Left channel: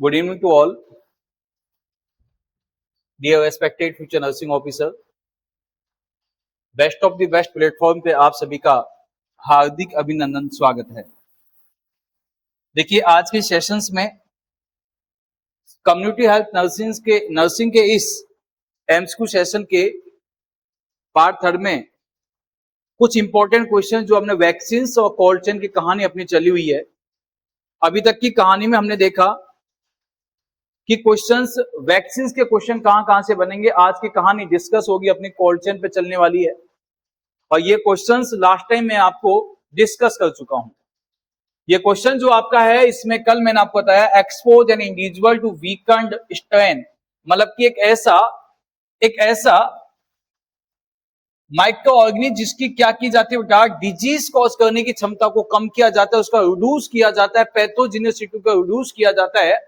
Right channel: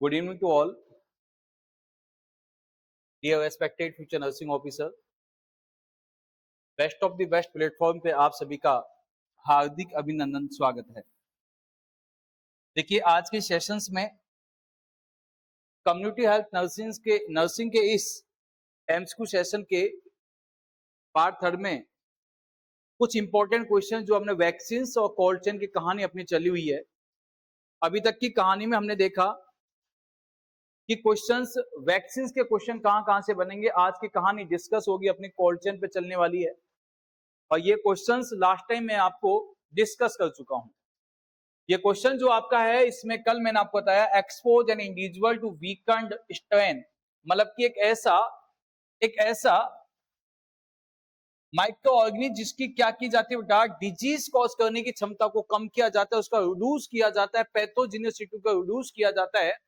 Good evening to all, dear respected future nursing officer. Best of the best platform पे आप सभी का हार्दिक अभिनंदन, स्वागत है। देखिए, आज के सेशंस में कम्युनिटी हेल्थ नर्सिंग के इस एमसीक्यू सेशन के पार्ट थर्ड में कुछ इंपॉर्टेंट क्वेश्चन जो हमने वैक्सीन और कोल्ड चेन की कहानी अपनी चली हुई है। अभी तक की कहानी में हमने देखा कि क्वेश्चंस, वैक्सीन के क्वेश्चन कहां से बनेंगे। आज की कहानी डिस्कस होगी अपनी कोल्ड चेन पे चलने वाली है, और ये क्वेश्चंस लास्ट टाइम मैं आपको डिस्कस कर चुका हूं। ये क्वेश्चन जो आपका है, इसमें कल मैंने आपको बताया expose an individual to weakened strain, मतलब कि एक ऐसा माइक्रो ऑर्गेनिज्म जिसकी क्या की जाती है बेटा, डिजीज कॉज करने की क्षमता को कम किया जाता है, उसका रिड्यूस किया जाता है, पैथोजेनिसिटी को रिड्यूस किया जाता है,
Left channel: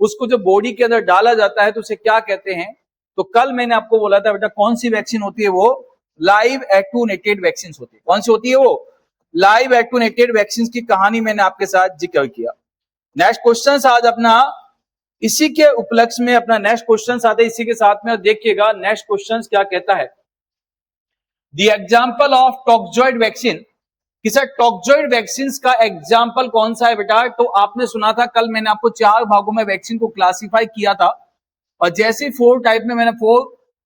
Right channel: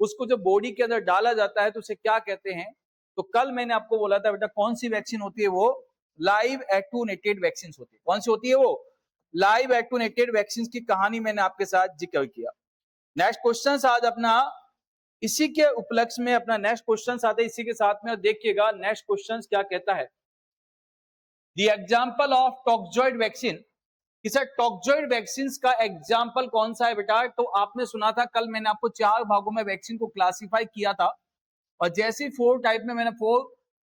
उसको जो बॉडी के अंदर डाला जाता है तो उसे क्या कहते हैं। तो कल मैंने आपको बोला था बेटा, कौन सी वैक्सीन होती है, वो लाइव एटूनेटेड वैक्सीन होती है। कौन सी होती है वो? लाइव एटूनेटेड वैक्सीन की कहानी मैंने आपके साथ जिक्र किया। नेक्स्ट क्वेश्चन आज अपना इसी के उपलक्ष्य में अपना नेक्स्ट क्वेश्चन आता है इसी के साथ में, देखिएगा नेक्स्ट क्वेश्चन क्या कहता है। The example of toxoid vaccine, कि सर टॉक्सॉइड वैक्सीन का एग्जाम्पल कौन सा है बेटा? तो आपने सुना था कल मैंने आपको 4 भागों में वैक्सीन को क्लासिफाई किया था, और जैसे 4 टाइप में मैंने 4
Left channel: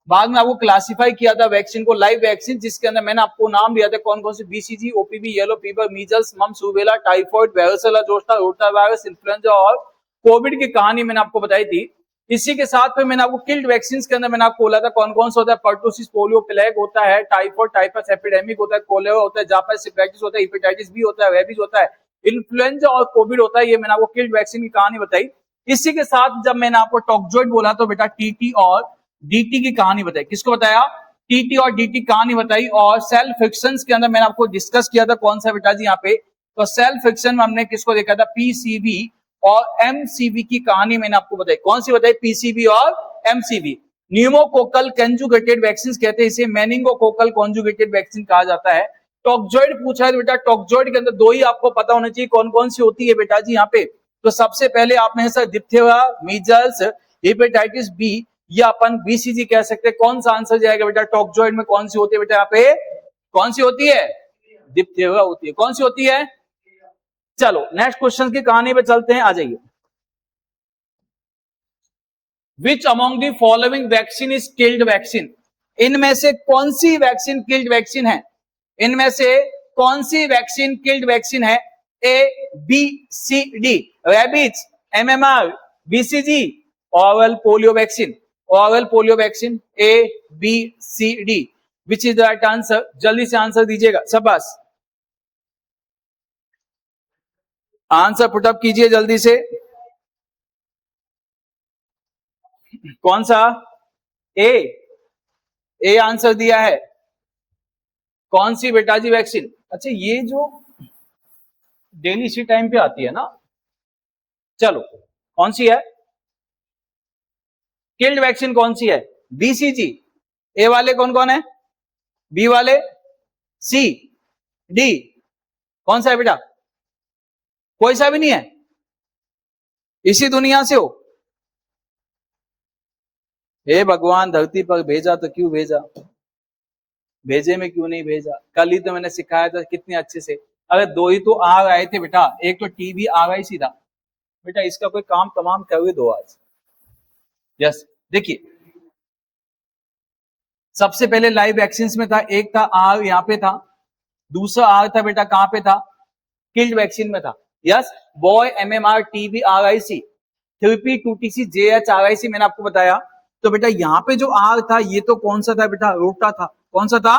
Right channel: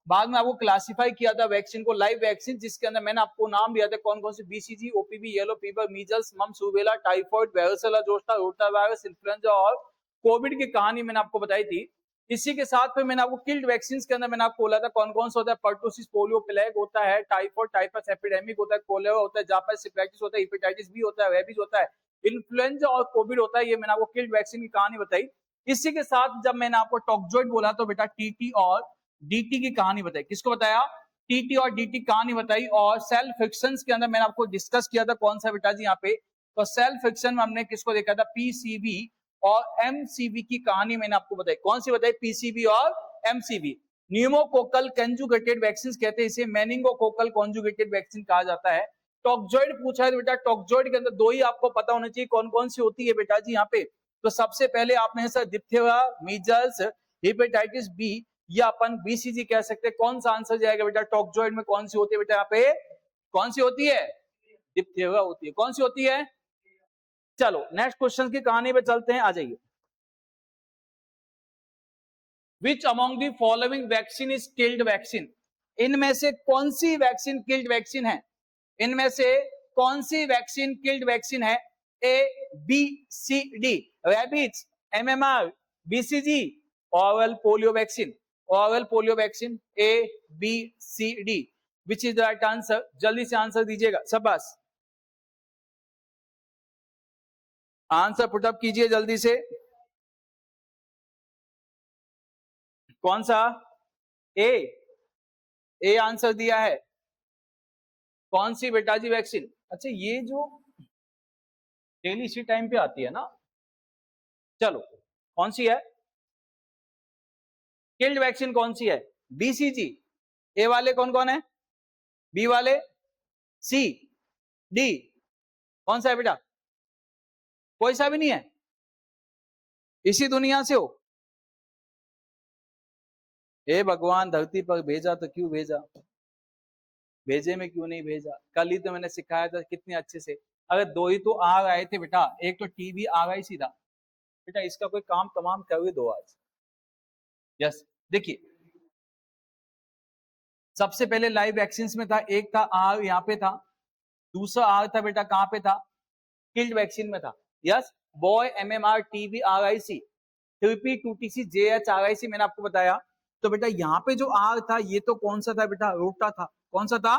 भाग में आपको क्लासिफाई किया था वैक्सीन को, लाइव वैक्सीन, जिसके अंदर मैंने आपको नाम दिया था कौन कौन से, BCG, OPV, yellow fever, measles, mumps, rubella, typhoid, varicella zoster, rota virus, influenza और कोविड की कहानी मैंने आपको बताई थी। इसी के साथ में मैंने आपको किल्ड वैक्सीन के अंदर मैंने आपको बोला था कौन कौन सा होता है, पर्टुसिस, पोलियो, प्लेग होता है, टाइफॉइड, टाइफस एपिडेमिक होता है, कोलेरा होता है, जापानीज हेपेटाइटिस होता है, हेपेटाइटिस बी होता है, रेबीज होता है, इन्फ्लुएंजा और कोविड होता है। ये मैंने आपको किल्ड वैक्सीन की कहानी बताई। इसी के साथ जब मैंने आपको टॉक्सॉइड बोला तो बेटा टीटी और डीटी की कहानी बताई। किसको बताया? टीटी और डीटी कहानी बताई। और सेल फ्रिक्शन के अंदर मैंने आपको डिस्कस किया था कौन सा बेटा जी यहाँ पे, तो सेल फ्रिक्शन में हमने किसको देखा था, पीसीबी और एमसीबी की कहानी मैंने आपको बताई। कौन सी बताई? पीसीबी और एमसीबी। न्यूमोकोकल कंजुगेटेड वैक्सीन कहते हैं, इसे मेनिंगोकोकल कंजुगेटेड वैक्सीन कहा जाता है। टॉक्सॉइड पूछा है तो बेटा टॉक्सॉइड के अंदर 2 ही आपको पता होना चाहिए कौन कौन सी होती है बेटा जी यहाँ पे। तो सबसे पहले आपने sir diphtheria, measles, hepatitis B, या अपन बीसीजी कह सकते हैं। कौन सा आंसर जाएगा बेटा? टॉक्सॉइड में कौन सी होती है बेटा यहाँ पे? कौन सी होती है? डिप्थेरिया होती है। कौन सी होती है? चलो नेक्स्ट क्वेश्चन की कहानी पे चलते हैं, आ जाइए। Which among the following vaccine is killed vaccine, इनमें से कौन सी वैक्सीन किल्ड वैक्सीन है? इनमें से कौन सी वैक्सीन किल्ड वैक्सीन है? A, B, C, D. Rabies, MMR, BCG, oral polio vaccine. Oral polio vaccine, A, B, C, D, which is the right answer? जल्दी से आंसर दीजिएगा, शाबाश, आंसर पुटअप कीजिए जल्दी से। कौन सा? ए आंसर दिया है। कौन सी बेटा जी वैक्सीन? अच्छा, ये जो डेली इसी टाइम पे आती है ना, चलो कौन सी है किल्ड वैक्सीन? कौन सी है? बीसीजी। ए वाले कौन कौन है? बी वाले, सी, डी, कौन सा है बेटा? कोई सा भी नहीं है। इसी दुनिया से हो? हे भगवान, धरती पर भेजा तो क्यों भेजा, भेजे में क्यों नहीं भेजा। कल ही तो मैंने सिखाया था कितने अच्छे से। अरे 2 ही तो आ गए थे बेटा, एक तो टीबी आ गई सीधा बेटा, इसका कोई काम तमाम कर दो आज। यस, देखिए सबसे पहले लाइव वैक्सीन में था, एक था आर यहाँ पे था, दूसरा आर था बेटा कहां पे था? किल्ड वैक्सीन में था। Yes, boy, MMR, TB, RIC, 3P, 2TC, JH, RIC मैंने आपको बताया। तो बेटा यहाँ पे जो आर था ये तो कौन सा था बेटा? रोटा था। कौन सा था?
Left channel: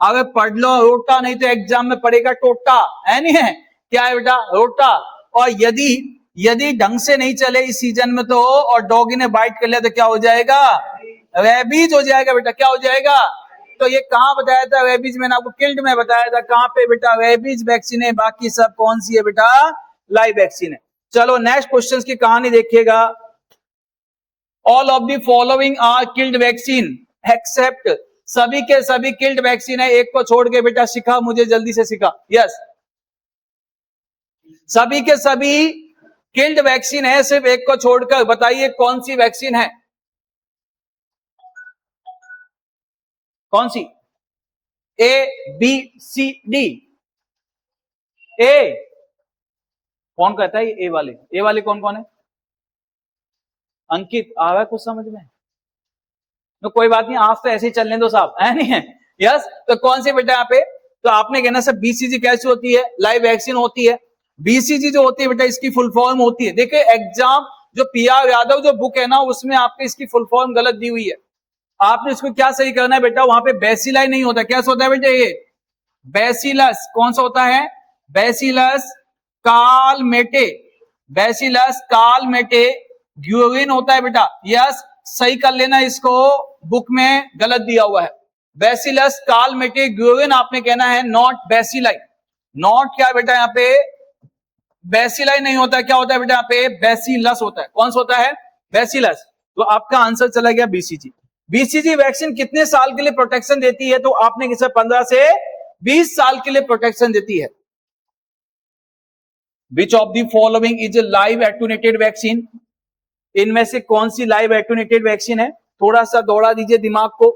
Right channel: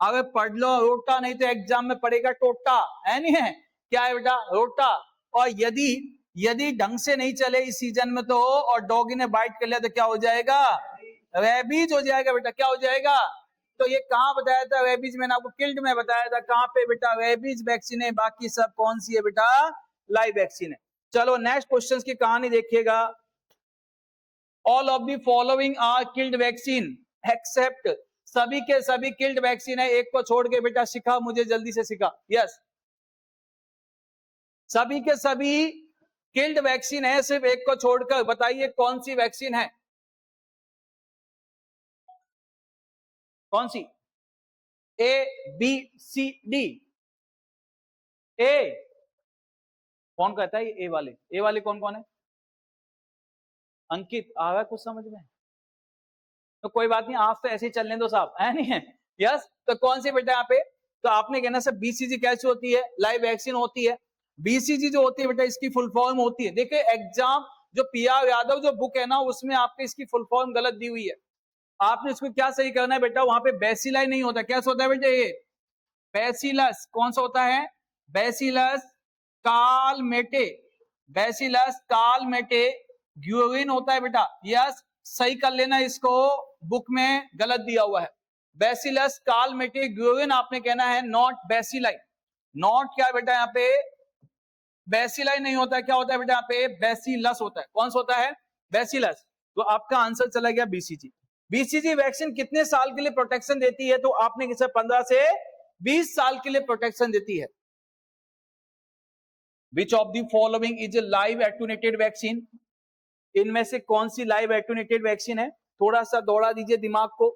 अगर पढ़ लो रोटा, नहीं तो एग्जाम में पढ़ेगा टोटा, है नहीं है? क्या है बेटा? रोटा। और यदि ढंग से नहीं चले इस सीजन में तो, और डॉगी ने बाइट कर लिया तो क्या हो जाएगा? रेबीज हो जाएगा बेटा। क्या हो जाएगा? तो ये कहां बताया था रेबीज? मैंने आपको किल्ड में बताया था। कहां पे बेटा? रेबीज वैक्सीन है, बाकी सब कौन सी है बेटा? लाइव वैक्सीन है। चलो नेक्स्ट क्वेश्चन की कहानी देखिएगा। All of the following are killed vaccine except, सभी के सभी किल्ड वैक्सीन है, एक को छोड़ के बेटा सिखा मुझे, जल्दी से सिखा। यस, सभी के सभी किल्ड वैक्सीन है सिर्फ एक को छोड़कर, बताइए कौन सी वैक्सीन है, कौन सी? ए बी सी डी। ए कौन कहता है? ए वाले, ए वाले कौन कौन है? अंकित आ रहा है कुछ समझ में? तो कोई बात नहीं, आज तो ऐसे ही चलने दो साहब, है नहीं है? यस, तो कौन सी बेटा यहाँ पे? तो आपने कहना सर बीसीजी कैसी होती है? लाइव वैक्सीन होती है। बीसीजी जो होती है बेटा इसकी फुल फॉर्म होती है, देखिए एग्जाम जो पीआर यादव जो बुक है ना उसमें आपके इसकी फुल फॉर्म गलत दी हुई है। आपने इसको क्या सही करना है बेटा? वहां पे बेसिलाई नहीं होता, क्या होता है बेटा? ये बेसिलस। कौन सा होता है? बेसिलस कालमेटे, बेसिलस कालमेटे ग्यूरिन होता है बेटा। यस, सही कर लेना इसको, बुक में गलत दिया हुआ है। बेसिलस कालमेटे ग्यूरिन आपने कहना है, नॉट बेसिलाई। नॉट क्या बेटा यहाँ पे? बेसिलाई नहीं होता, क्या होता है बेटा यहाँ पे? बेसिलस होता है। कौन सा होता है? बेसिलस। तो आपका आंसर चला गया बीसीजी। बीसीजी वैक्सीन कितने साल के लिए प्रोटेक्शन देती है? तो आपने किसा 15 से 20 साल के लिए प्रोटेक्शन देती है। Which of the following is a live attenuated vaccine? इनमें से कौन सी लाइव एटूनेटेड वैक्सीन है? थोड़ा सा दौड़ा दीजिए दिमाग को।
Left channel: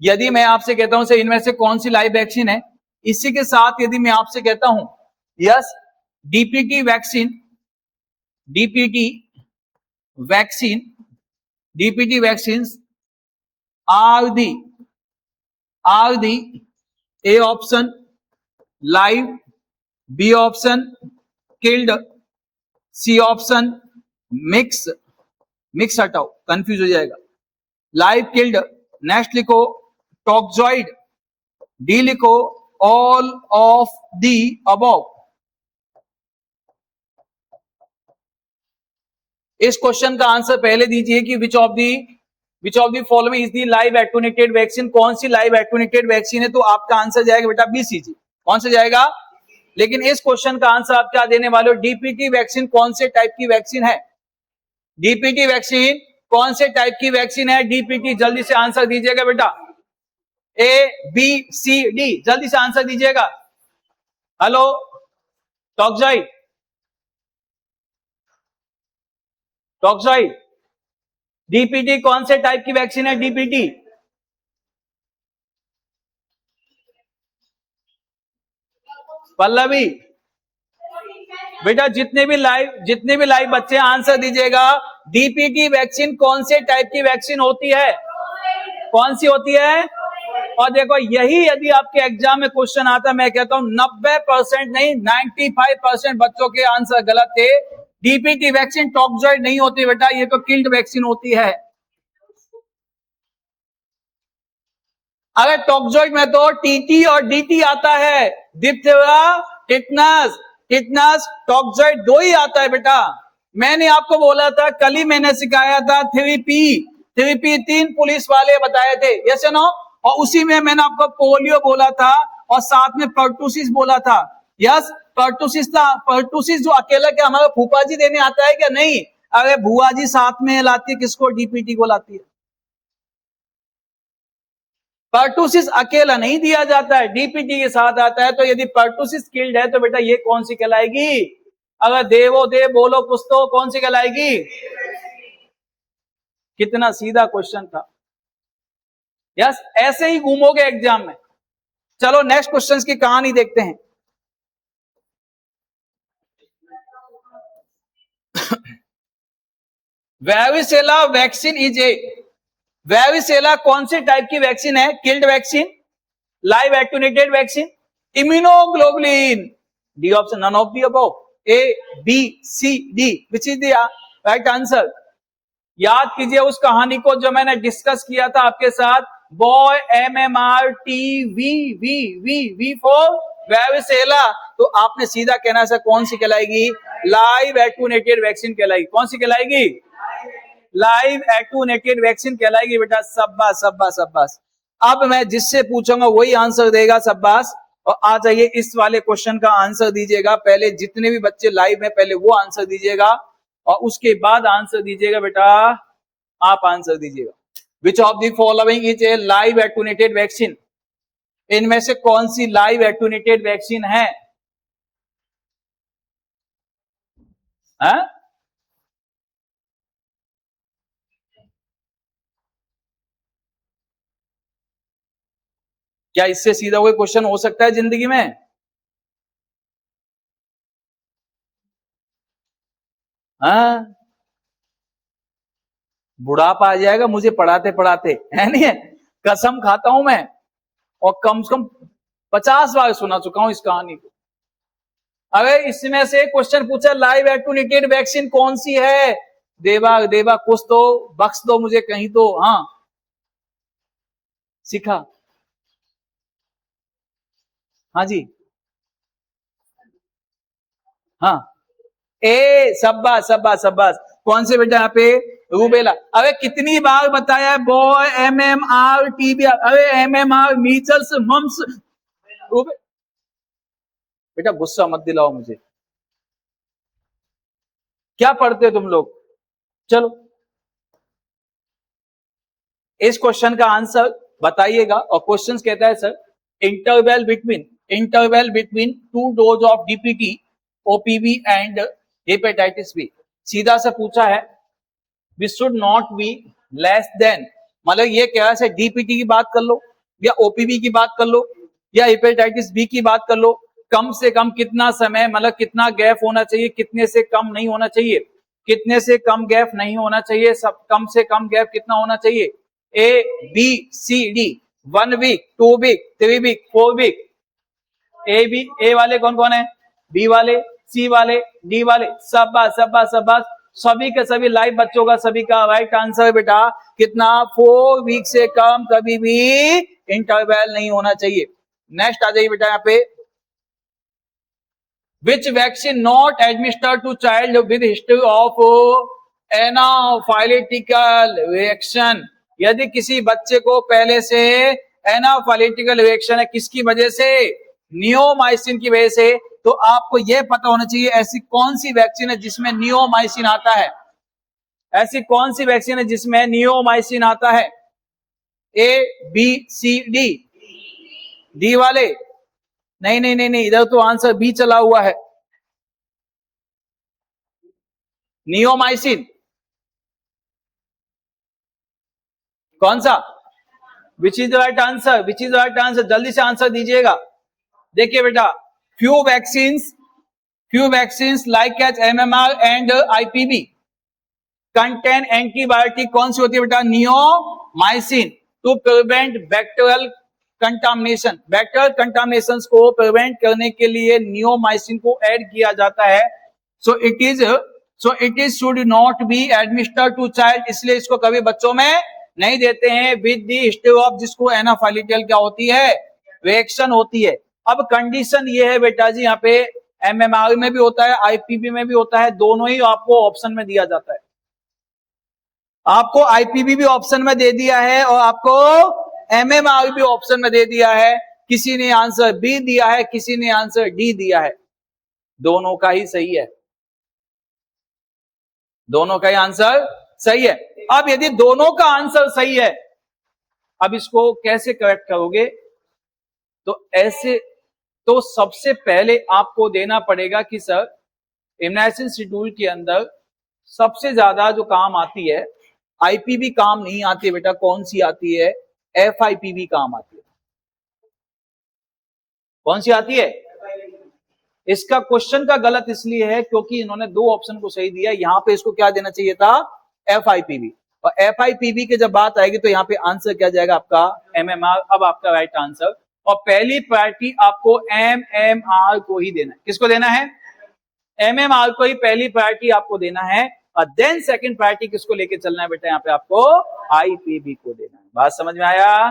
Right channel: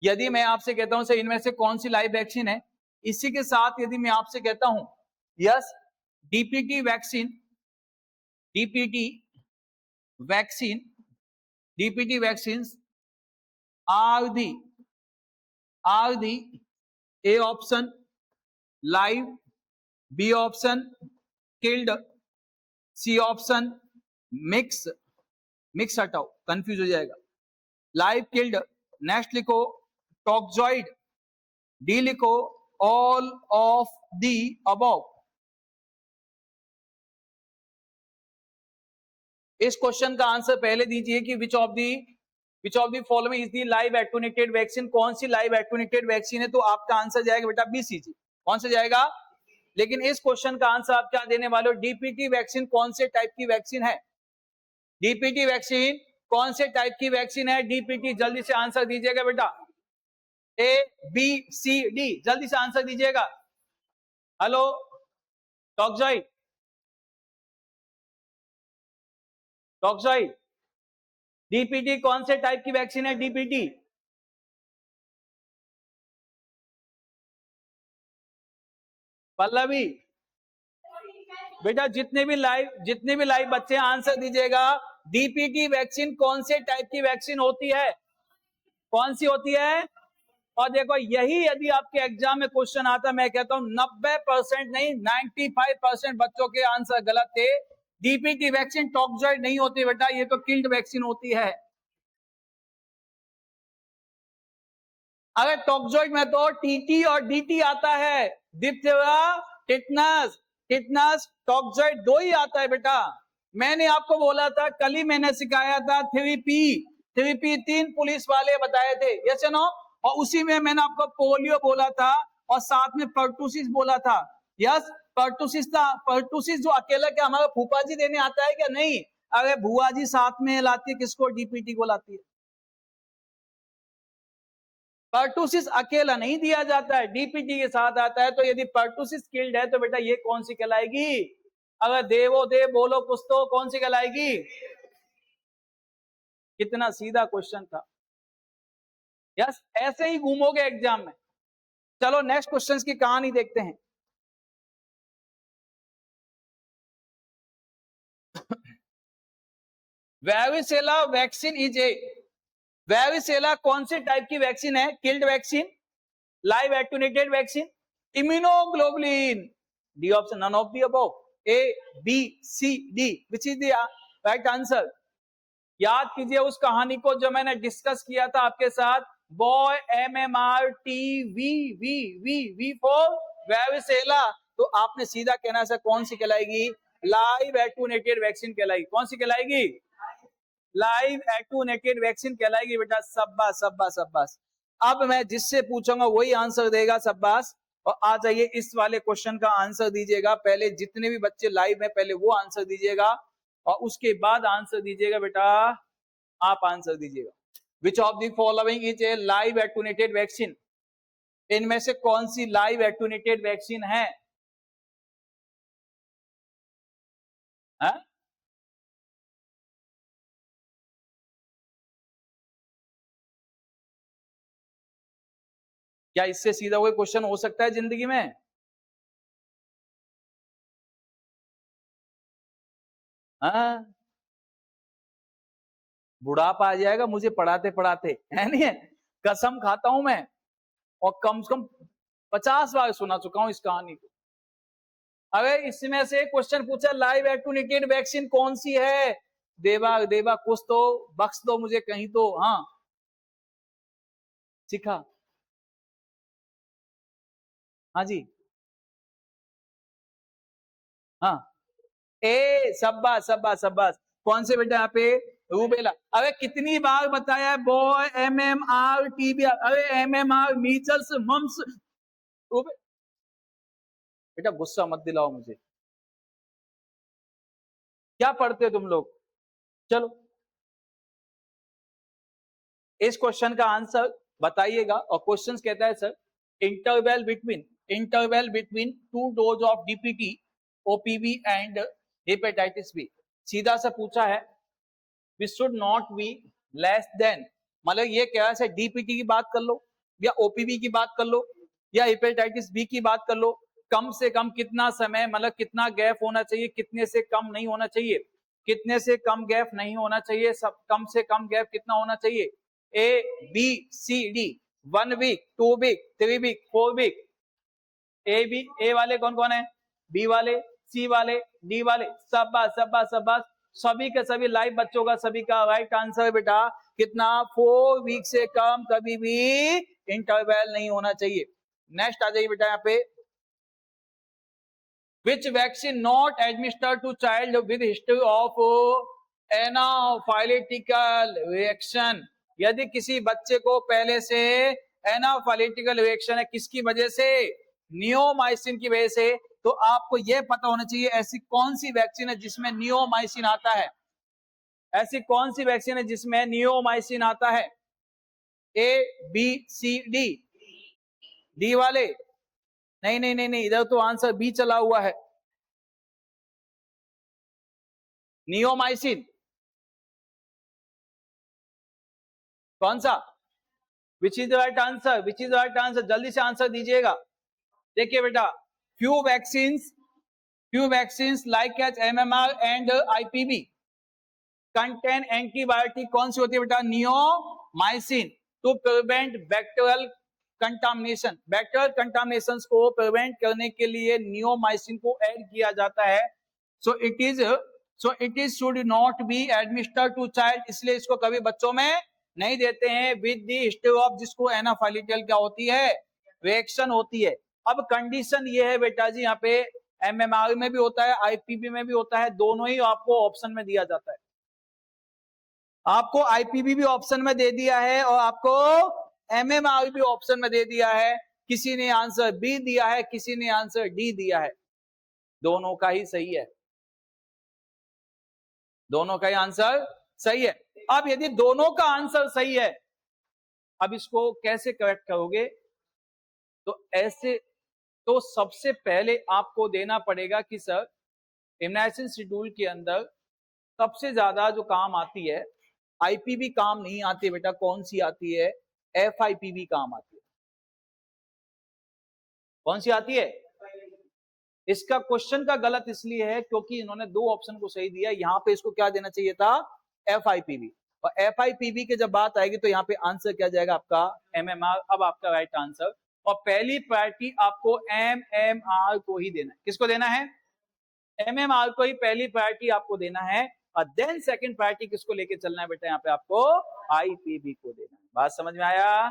यदि मैं आपसे कहता हूं से इनमें से कौन सी लाइव वैक्सीन है, इसी के साथ यदि मैं आपसे कहता हूं yes DPT vaccine, DPT vaccine, DPT vaccine are the A option live, B option killed, C option mix, mix हटाओ कंफ्यूज हो जाएगा, लाइव किल्ड, नेक्स्ट लिखो टॉक्सॉइड, डी लिखो ऑल ऑफ दी अबव। इस क्वेश्चन का आंसर पहले दीजिए कि which of the following is the live attenuated vaccine? कौन सी लाइव एटूनेटेड वैक्सीन है? तो आपका आंसर जाएगा बेटा बीसीजी। कौन सा जाएगा? लेकिन इस क्वेश्चन का आंसर आप क्या देने वाले हो? डीपीटी वैक्सीन कौन से टाइप की वैक्सीन है? डीपीटी वैक्सीन कौन से टाइप की वैक्सीन है? डीपीटी, जल्दी से आंसर दीजिएगा बेटा। ए बी सी डी, जल्दी से आंसर दीजिएगा। हेलो टॉक्सॉइड, टॉक्सॉइड, डीपीटी कौन से टाइप की वैक्सीन है? डीपीटी पल्लवी बेटा, जितने भी लाइव बच्चे आंसर दीजिएगा। डीपीटी वैक्सीन कौन से टाइप की वैक्सीन होती है? कौन सी होती है? और देखो यही यदि आपके एग्जाम में क्वेश्चन आता, मैं कहता हूं 90% नहीं 95% बच्चों के आंसर गलत थे। डीपीटी वैक्सीन टॉक्सॉइड नहीं होती बेटा, ये तो किल्ड वैक्सीन होती है। अगर टॉक्सॉइड में तो टीटी और डीटी आता है, डिप्थीरिया, टिटनस, टिटनस टॉक्सॉइड दो ही आता है बेटा। मैंने आपको बोला था, कल ही मैंने सिखाया था 3P 3 पुलिस वाले बताए थे, यस नो? और उसी में मैंने आपको पोलियो बोला था और साथ में पर्टुसिस बोला था। यस, पर्टुसिस था। पर्टुसिस जो अकेला क्या हमारा फूफा जी देने आता है क्या? नहीं, अरे बुआ जी साथ में लाती है, किसको? डीपीटी को लाती है। पर्टुसिस अकेला नहीं दिया जाता है, डीपीटी के साथ आता है। तो यदि पर्टुसिस किल्ड है तो बेटा ये कौन सी कहलाएगी? अगर देवो देव बोलो कुछ तो कौन सी कहलाएगी? कितना सीधा क्वेश्चन था। यस, ऐसे ही घूमोगे एग्जाम में। चलो नेक्स्ट क्वेश्चन की कहानी देखते हैं। Varicella vaccine is a, varicella कौन सी टाइप की वैक्सीन है? Killed vaccine, live attenuated vaccine, immunoglobulin. D option, none of the above. A B C D, which is the right answer? याद कीजिए उस कहानी को जो मैंने डिस्कस किया था आपके साथ। Boy MMRTV for varicella. तो आपने सीधा कहना सर कौन सी कहलाएगी? लाइव एटूनेटेड वैक्सीन कहलाएगी। कौन सी कहलाएगी? लाइव एटूनेटेड वैक्सीन कहलाएगी बेटा। शाबाश शाबाश शाबाश। अब मैं जिससे पूछूंगा वही आंसर देगा, शाबाश। और आ जाइए इस वाले क्वेश्चन का आंसर दीजिएगा। पहले जितने भी बच्चे लाइव है पहले वो आंसर दीजिएगा और उसके बाद आंसर दीजिएगा बेटा, आप आंसर दीजिएगा। Which of the following is a live attenuated vaccine? इनमें से कौन सी लाइव एटूनेटेड वैक्सीन है? है? क्या इससे सीधा कोई क्वेश्चन हो सकता है जिंदगी में? हाँ, बुढ़ापा आ जाएगा मुझे पढ़ाते पढ़ाते, है नहीं है? कसम खाता हूं मैं, और कम से कम 50 बार सुना चुका हूं इस कहानी को। अगर इसमें से क्वेश्चन पूछा लाइव एटुनेटेड वैक्सीन कौन सी है, देवा देवा कुछ तो बख्श दो मुझे कहीं तो। हाँ, सीखा। हाँ जी, हाँ, ए सब्बास सब्बास सब्बास। कौन से बेटा यहाँ पे? रूबेला। अबे कितनी बार बताया, बॉय MMR टीबी, अरे MMR मीजल्स मम्स। बेटा गुस्सा मत दिलाओ मुझे, क्या पढ़ते हो तुम लोग? चलो इस क्वेश्चन का आंसर बताइएगा। और क्वेश्चन कहता है sir, interval between 2 dose of DPT, OPV and hepatitis B. सीधा सा पूछा है, we should not be less than, मतलब ये कह रहा है DPT की बात कर लो या OPV की बात कर लो या हेपेटाइटिस बी की बात कर लो, कम से कम कितना समय, मतलब कितना गैप होना चाहिए, कितने से कम नहीं होना चाहिए, कितने से कम गैप नहीं होना चाहिए, सब कम से कम गैप कितना होना चाहिए? ABCD, 1 week, 2 week, 3 week, 4 week. A वाले कौन कौन है? बी वाले, सी वाले, डी वाले। शाबाश शाबाश शाबाश, सभी के सभी लाइव बच्चों का सभी का राइट आंसर बेटा कितना? 4 वीक से कम कभी भी इंटरवल नहीं होना चाहिए। नेक्स्ट आ जाइए बेटा यहाँ पे, which vaccine not administered to child with history of anaphylactic reaction. यदि किसी बच्चे को पहले से एनाफाइलेटिकल रिएक्शन है, किसकी वजह से? नियोमाइसिन की वजह से। तो आपको यह पता होना चाहिए ऐसी कौन सी वैक्सीन है जिसमें नियोमाइसिन आता है, ऐसी कौन सी वैक्सीन है जिसमें नियोमाइसिन आता है? ABCD, डी वाले? नहीं नहीं नहीं नहीं, इधर तो आंसर बी चला हुआ है, नियोमाइसिन। कौन सा? Which is the right answer, which is the right answer, जल्दी से आंसर दीजिएगा। देखिए बेटा, few vaccines like as MMR and IPV contain antibiotic. कौन सी होती है बेटा? Neomycin, to prevent bacterial contamination. Bacterial contamination को प्रिवेंट करने के लिए नियोमाइसिन को ऐड किया जाता है। So it is should not be administered to child, इसलिए इसको कभी बच्चों में नहीं देते हैं विद द हिस्ट्री ऑफ, जिसको एनाफाइलेटिकल क्या होती है? रिएक्शन होती है। अब कंडीशन ये है बेटा जी, यहाँ पे MMR में भी होता है, IPV में भी होता है, दोनों ही आपको ऑप्शन में दिया जाता है। आपको IPV भी ऑप्शन में दे दिया है और आपको MMR भी ऑप्शन में दे दिया है। किसी ने आंसर बी दिया है, किसी ने आंसर डी दिया है, दोनों का ही सही है, दोनों का ही आंसर सही है। अब यदि दोनों का आंसर सही है, अब इसको कैसे करेक्ट करोगे? तो ऐसे, तो सबसे पहले आपको देना पड़ेगा कि सर इम्यूनाइजेशन शेड्यूल के अंदर सबसे ज्यादा जो काम आती है, IPV काम नहीं आती है बेटा, कौन सी आती है? FIPV काम आती है। कौन सी आती है? इसका क्वेश्चन का गलत इसलिए है क्योंकि इन्होंने दो ऑप्शन को सही दिया, यहां पे इसको क्या देना चाहिए था? FIPV। और FIPV की जब बात आएगी तो यहाँ पे आंसर क्या जाएगा आपका? MMR। अब आपका राइट आंसर, और पहली प्रायोरिटी आपको MMR को ही देना है। किसको देना है? MMR को ही पहली प्रायोरिटी आपको देना है, और देन सेकंड प्रायोरिटी किसको लेके चलना है बेटा? यहाँ पे आपको IPV को देना है। बात समझ में आया?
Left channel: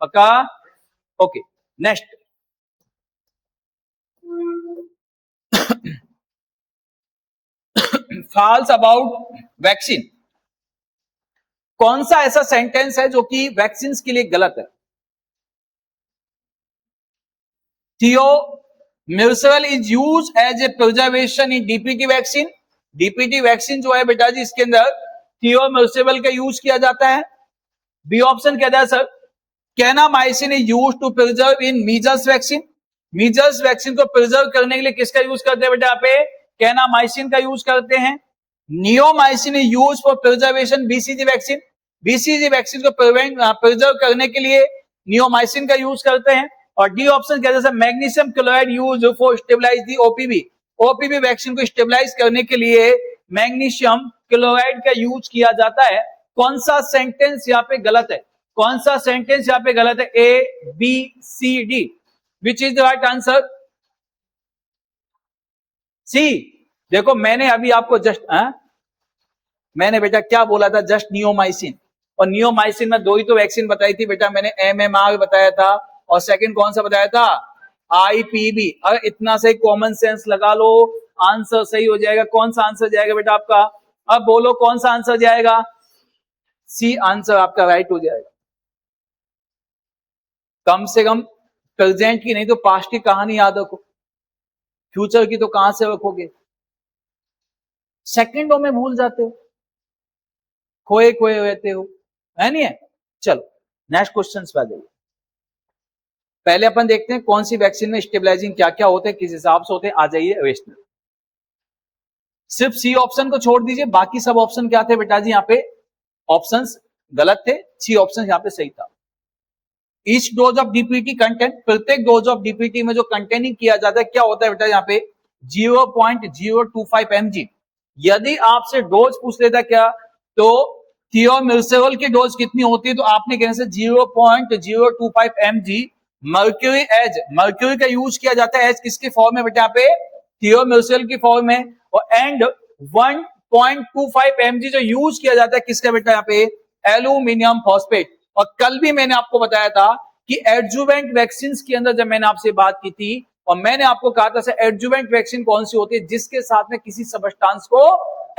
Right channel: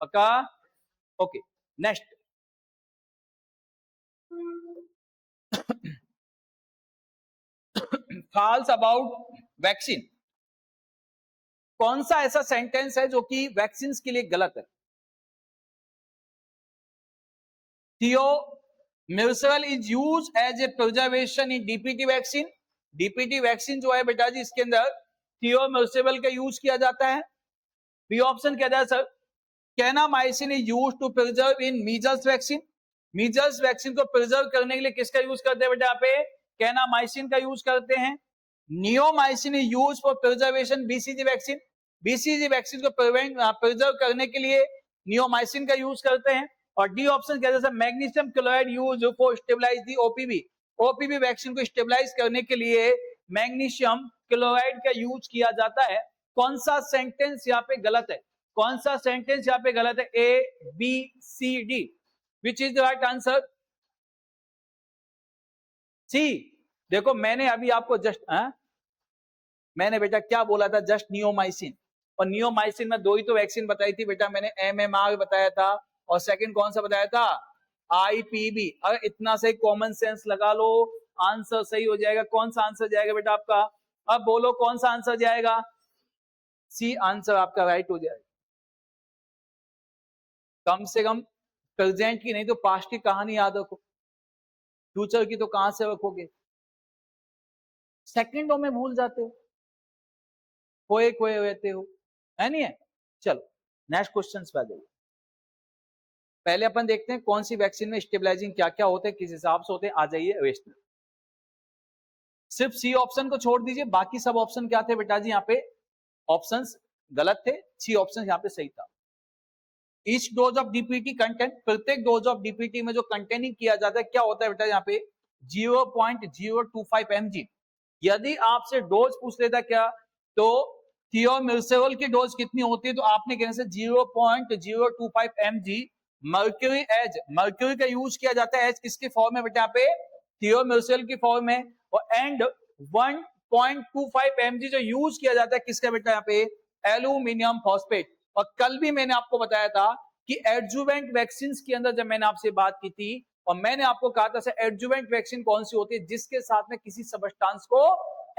पक्का? Okay, next. False about vaccine. कौन सा ऐसा सेंटेंस है जो कि वैक्सीन के लिए गलत है? Thiomersal is used as a preservation in DPT vaccine. DPT vaccine जो है बेटा जी, इसके अंदर थियोमिर्सिल का यूज किया जाता है। बी ऑप्शन कहता है sir, kanamycin is use to preserve in measles vaccine. Measles vaccine को प्रिजर्व करने के लिए किसका यूज करते हैं बेटा? यहाँ पे कैनामाइसिन का यूज करते हैं, neomycin is use for preservation BCG vaccine, BCG vaccine को प्रिजर्व करने के लिए नियोमाइसिन का यूज करते हैं। और डी ऑप्शन क्या जैसे magnesium chloride use for stabilise the OPV, OPV vaccine को स्टेबलाइज करने के लिए मैग्नीशियम क्लोराइड का यूज किया जाता है। कौन सा सेंटेंस यहाँ पे गलत है, कौन सा सेंटेंस यहाँ पे गलत है, A B C D, which is the right answer, C. देखो मैंने अभी आपको मैंने बेटा क्या बोला था, जस्ट नियोमाइसिन, और नियोमाइसिन में 2 ही तो वैक्सीन बताई थी बेटा, मैंने एमएमआर बताया था और सेकंड कौन सा बताया था, आईपीबी। अगर इतना सही कॉमन सेंस लगा लो आंसर सही हो जाएगा। कौन सा आंसर जाएगा बेटा आपका, अब बोलो कौन सा आंसर जाएगा, सी आंसर आपका राइट हो जाएगा। कम से कम प्रेजेंट की नहीं तो पास्ट की कहानी याद रखो, फ्यूचर की तो कहां से रखोगे, सेकंडों में भूल जाते हो, खोए खोए रहते हो, है नहीं है। चलो नेक्स्ट क्वेश्चन पे आ जाइए। पहले अपन देखते हैं कौन सी वैक्सीन में स्टेबलाइजिंग क्या क्या होते हैं, किस हिसाब से होते हैं। आ जाइए रेशनल, सिर्फ सी ऑप्शन को छोड़ दीजिए, बाकी सब ऑप्शन क्या थे बेटा जी, यहाँ पे ऑप्शंस गलत थे, सी ऑप्शन यहाँ पे सही था। Each dose of DPT content, प्रत्येक डोज ऑफ डीपीटी में जो कंटेनिंग किया जाता है क्या होता है बेटा यहाँ पे 0.025 mg। यदि आपसे डोज पूछ लेता क्या तो थियोमिर्सिवल की डोज कितनी होती है, तो आपने कहने से 0.025 mg। मर्क्यूरी एज, मर्क्यूरी का यूज किया जाता है एज किसके फॉर्म में बेटा यहाँ पे, थियोमिर्सिवल की फॉर्म में। और एंड 1.25 mg जो यूज किया जाता है किसका बेटा यहाँ पे, एल्यूमिनियम फॉस्फेट। और कल भी मैंने आपको बताया था कि एडजुवेंट वैक्सीन के अंदर जब मैंने आपसे बात की थी और मैंने आपको कहा था सर एडजुवेंट वैक्सीन कौन सी होती है, जिसके साथ में किसी सबस्टांस को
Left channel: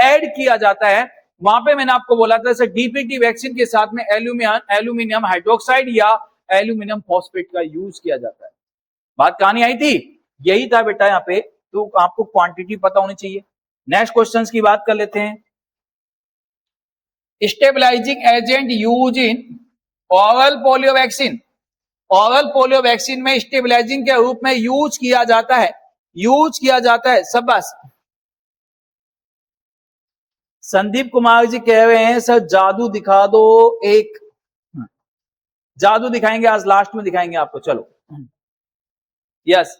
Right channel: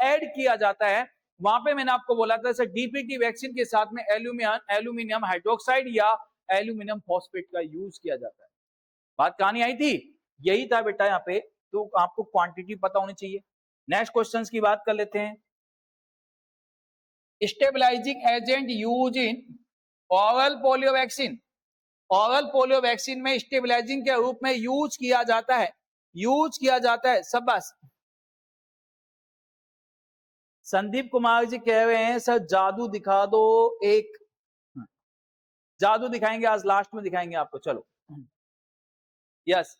ऐड किया जाता है। वहां पे मैंने आपको बोला था सर डीपीटी वैक्सीन के साथ में एल्यूमिनियम हाइड्रोक्साइड या एल्यूमिनियम फॉस्फेट का यूज किया जाता है। बात कहानी आई थी, यही था बेटा यहाँ पे, तो आपको क्वांटिटी पता होनी चाहिए। नेक्स्ट क्वेश्चन की बात कर लेते हैं। Stabilising agent use in oral polio vaccine, oral polio vaccine में स्टेबलाइजिंग के रूप में यूज किया जाता है, यूज किया जाता है। सब बस संदीप कुमार जी कह रहे हैं सर जादू दिखा दो, एक जादू दिखाएंगे आज, लास्ट में दिखाएंगे आपको। चलो यस,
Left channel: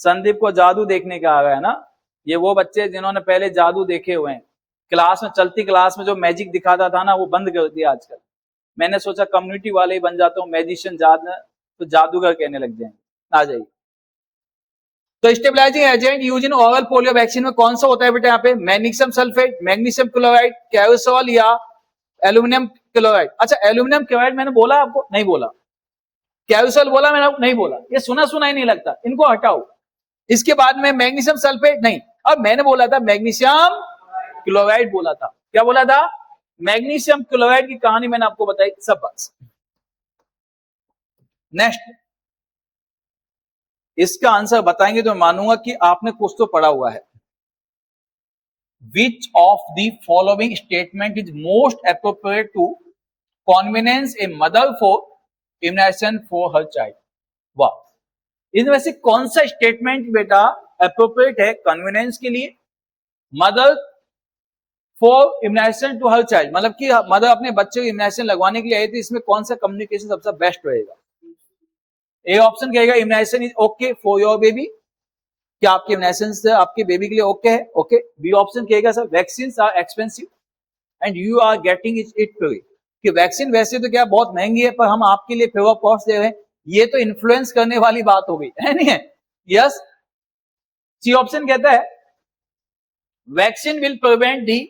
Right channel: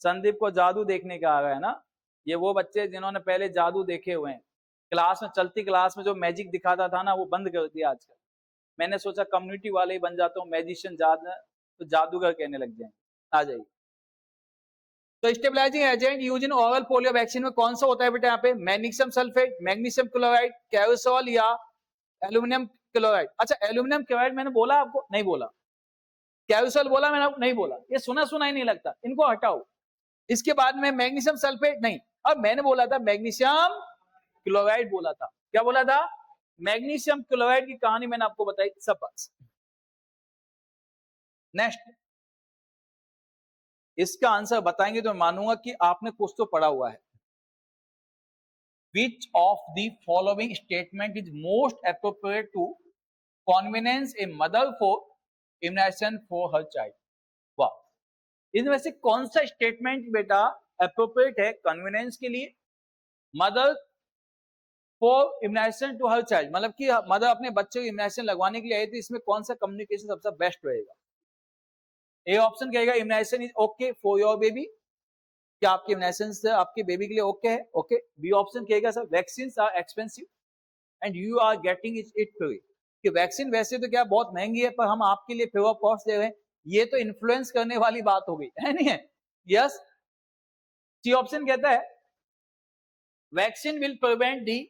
संदीप को जादू देखने का आ गया है ना, ये वो बच्चे जिन्होंने पहले जादू देखे हुए हैं। क्लास में, चलती क्लास में जो मैजिक दिखाता था ना वो बंद कर दिया आजकल। मैंने सोचा कम्युनिटी वाले ही बन जाता हूँ, मैजिशियन तो जादूगर कहने लग जाएंगे। आ जाइए, तो stabilising agent use in oral polio vaccine में कौन सा होता है बेटा यहाँ पे, मैग्नीशियम सल्फेट, मैग्नीशियम क्लोराइड, कैरोसोल या एल्यूमिनियम क्लोराइड। अच्छा एल्यूमिनियम क्लोराइड मैंने बोला आपको, नहीं बोला। कैरोसोल बोला मैंने, नहीं बोला। ये सुना सुना ही नहीं लगता, इनको हटाओ। इसके बाद में मैग्नीशियम सल्फेट नहीं, अब मैंने बोला था मैग्नीशियम क्लोराइड बोला था। क्या बोला था, मैग्नीशियम क्लोराइड की कहानी मैंने आपको बताई। सब बात। नेक्स्ट, इसका आंसर बताएंगे तो मानूंगा कि आपने कुछ तो पढ़ा हुआ है। Which of the following statement is most appropriate to convince a mother for immunization for her child? वाह, इनमें से कौन सा स्टेटमेंट बेटा अप्रोप्रिएट है कन्वीनियंस के लिए, mother for immunisation to her child, मतलब कि मदर अपने बच्चे को इम्यूनाइजेशन लगवाने के लिए आई थी, इसमें कौन सा कम्युनिकेशन सबसे बेस्ट रहेगा। ए ऑप्शन कहेगा immunisation is okay for your baby, क्या आपके इम्यूनाइजेशन से आपके बेबी के लिए ओके है, ओके। बी ऑप्शन कहेगा sir vaccine are expensive and you are getting it free, कि वैक्सीन वैसे तो क्या बहुत महंगी है पर हम आपके लिए फ्री ऑफ कॉस्ट दे रहे हैं। ये तो इन्फ्लुएंस करने वाली बात हो गई है, नहीं है। यस, सी ऑप्शन कहता है vaccine will prevent the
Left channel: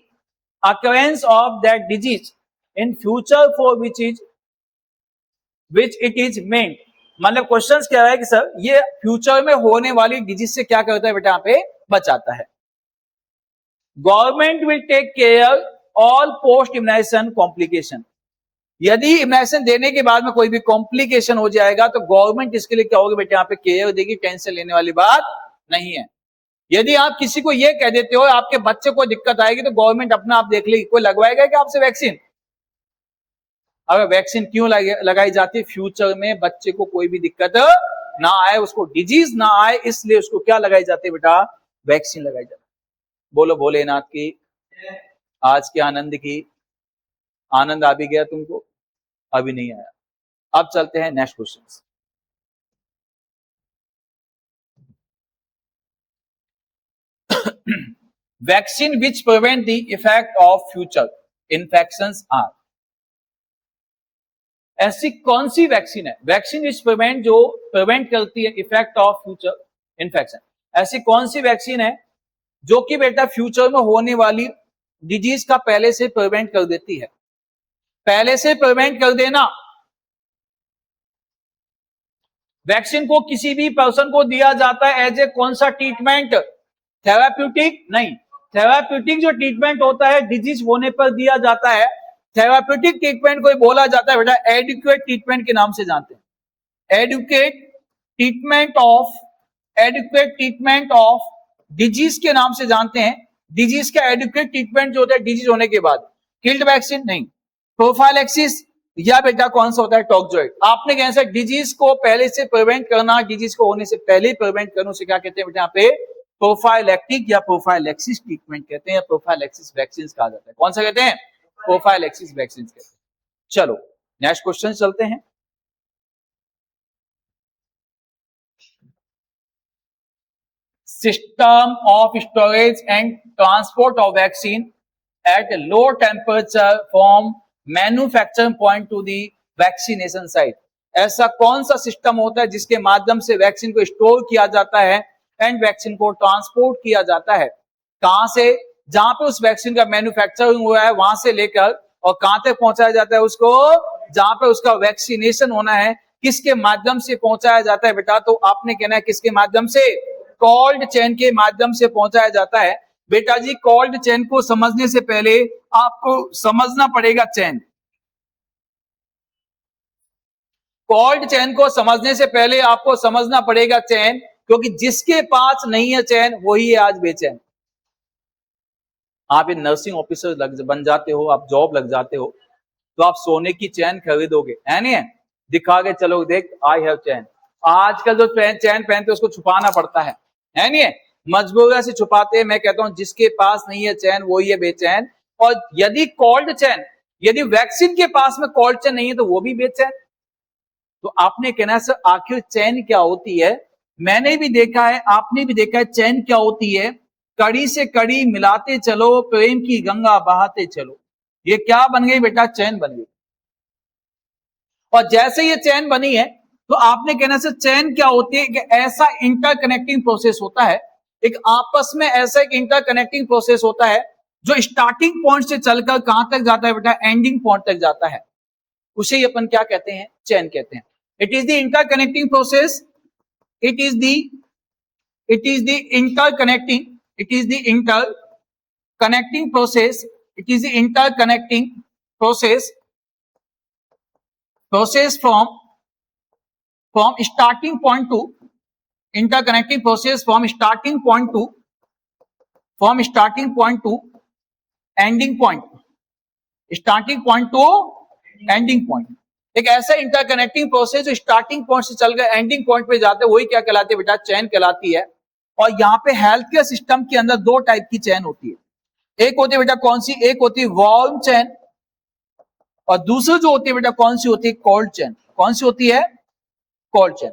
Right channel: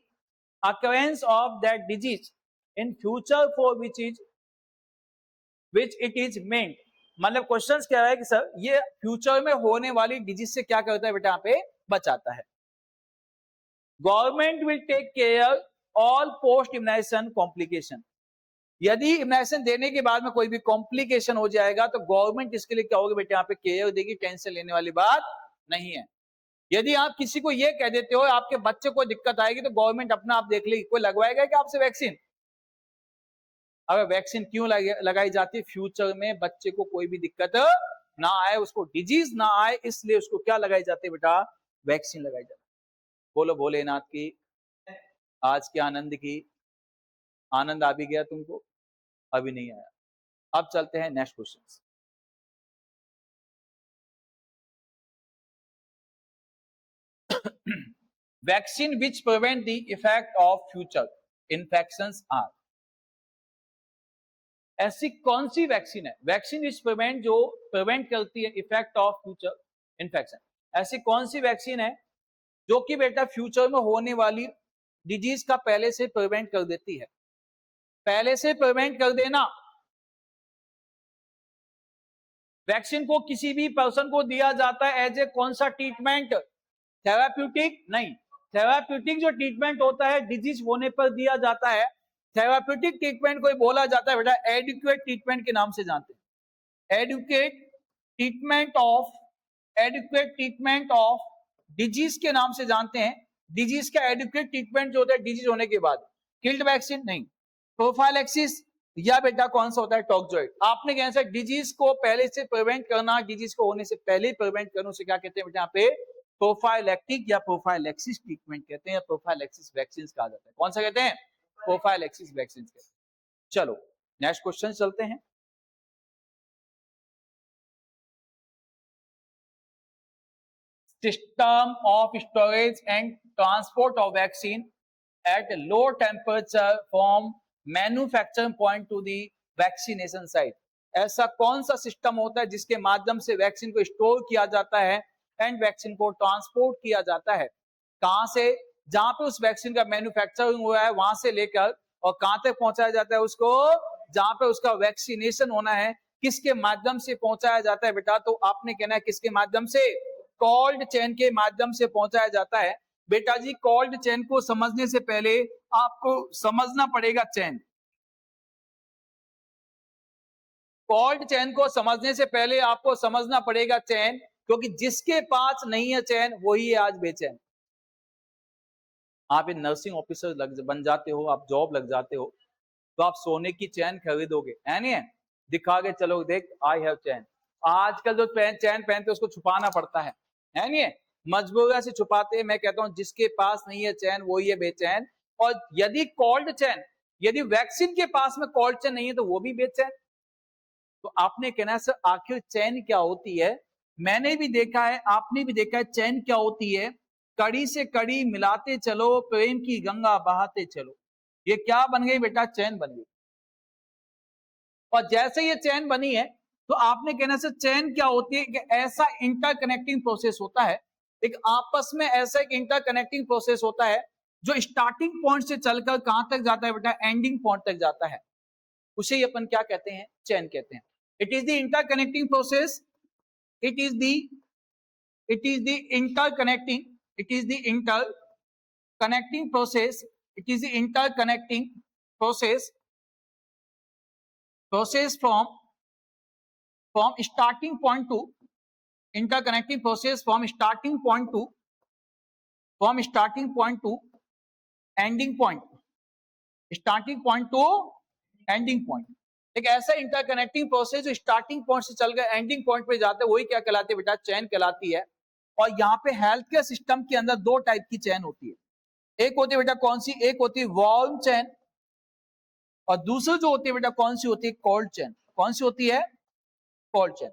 occurrence of that disease in future for which it is meant। मतलब क्वेश्चन क्या है कि सर ये फ्यूचर में होने वाली डिजीज से क्या करता है बेटा, यहाँ पे बचाता है। Government will take care all post immunisation complication, यदि इम्यूनाइजेशन देने के बाद में कोई भी कॉम्प्लिकेशन हो जाएगा तो गवर्नमेंट इसके लिए क्या होगी बेटा, यहाँ पे केयर देगी, टेंशन लेने वाली बात नहीं है। यदि आप किसी को ये कह देते हो आपके बच्चे को दिक्कत आएगी तो गवर्नमेंट अपना आप देख लेगी, कोई लगवाएगा क्या आपसे वैक्सीन। अगर वैक्सीन क्यों लगाई जाती है, फ्यूचर में बच्चे को कोई भी दिक्कत ना आए, उसको डिजीज ना आए, इसलिए उसको क्या लगाई जाती है बेटा, वैक्सीन लगाई जाती है। बोलो भोलेनाथ की, आज के आनंद की। आनंद आ भी गया तुमको? अभी नहीं आया। अब चलते हैं next question. Vaccine which prevent the effect of future infections are. ऐसी कौन सी वैक्सीन है, वैक्सीन विच प्रिवेंट, जो प्रिवेंट करती है इफेक्ट ऑफ फ्यूचर इन्फेक्शन, ऐसी कौन सी वैक्सीन है जो कि बेटा फ्यूचर में होने वाली डिजीज का पहले से प्रिवेंट कर देती है। पहले से प्रिवेंट कर देना। वैक्सीन को किसी भी पर्सन को दिया जाता है एज ए कौन सा ट्रीटमेंट, थेराप्यूटिक नहीं। थेराप्यूटिक जो ट्रीटमेंट होता है डिजीज होने पर दिया जाता है, थेराप्यूटिक ट्रीटमेंट को बोला जाता है बेटा एडिक्वेट ट्रीटमेंट के नाम से जानते हैं। Adequate treatment of, adequate treatment of disease के नाम से जानते हैं। डिजीज का एडुकेट ट्रीटमेंट जो होता है डिजीज होने के बाद। किल्ड वैक्सीन नहीं। प्रोफाइलैक्सिस या बेटा कौन सा होता है, टॉक्सोइड। आपने कैसे डिजीज को पहले से प्रिवेंट करना, डिजीज को होने से पहले ही प्रिवेंट करना, उसे क्या कहते हैं बेटा यहाँ पे, प्रोफाइलैक्टिक या प्रोफाइलैक्सिस ट्रीटमेंट कहते हैं, या प्रोफाइलैक्सिस वैक्सीन कहा जाता है। कौन सा कहते हैं, प्रोफाइलैक्सिस वैक्सीन कहते हैं। चलो नेक्स्ट क्वेश्चन चलते हैं। System of storage and transport of vaccine at a low temperature from manufacturing point to the vaccination site। ऐसा कौन सा सिस्टम होता है जिसके माध्यम से वैक्सीन को स्टोर किया जाता है एंड वैक्सीन को ट्रांसपोर्ट किया जाता है, कहां से, जहां पे उस वैक्सीन का मैन्युफैक्चरिंग हुआ है वहां से लेकर, और कहां तक पहुंचाया जाता है उसको, जहां पे उसका वैक्सीनेशन होना है, किसके माध्यम से पहुंचाया जाता है बेटा, तो आपने कहना है किसके माध्यम से, कोल्ड चेन के माध्यम से पहुंचाया जाता है। बेटा जी कोल्ड चेन को समझने से पहले आपको समझना पड़ेगा चेन। कोल्ड चेन को समझने से पहले आपको समझना पड़ेगा चेन, क्योंकि जिसके पास नहीं है चेन वही है आज बेचैन। आप एक नर्सिंग ऑफिसर बन जाते हो, आप जॉब लग जाते हो, तो आप सोने की चैन खरीदोगे, है नहीं है, दिखा के चलो देख आई हैव चैन। आजकल जो चैन पहनते उसको छुपाना पड़ता है नहीं है, मजबूरी से छुपाते हैं। मैं कहता हूं जिसके पास नहीं है चैन वही है बेचैन। और यदि कोल्ड चैन, यदि वैक्सीन के पास में कोल्ड चैन नहीं है तो वो भी बेचैन। तो आपने कहना सर आखिर चैन क्या होती है, मैंने भी देखा है, आपने भी देखा है चैन क्या होती है, कड़ी से कड़ी मिलाते चलो, प्रेम की गंगा बहाते चलो। ये क्या बन गई बेटा, चैन बन गई। और जैसे ये चैन बनी है तो आपने कहना से चैन क्या होती है, कि ऐसा इंटरकनेक्टिंग प्रोसेस होता है, एक आपस में ऐसा एक इंटरकनेक्टिंग प्रोसेस होता है जो स्टार्टिंग पॉइंट से चलकर कहां तक जाता है बेटा, एंडिंग पॉइंट तक जाता है, उसे ही अपन क्या कहते हैं, चैन कहते हैं। It is the interconnecting process, it is the interconnecting, it is the interconnecting process, it is the interconnecting process from starting point to, interconnecting process from starting point to ending point, starting point to ending point। एक ऐसा interconnecting process जो starting point से चलकर ending point पे जाते हैं वही क्या कहलाती है बेटा, चैन कहलाती है। और यहाँ पे हेल्थ केयर सिस्टम के अंदर दो टाइप की चैन होती है। एक होती है बेटा कौन सी, एक होती है वार्म चैन, और दूसरी जो होती है बेटा कौन सी होती है, कोल्ड चैन। कौन सी होती है, कोल्ड चैन।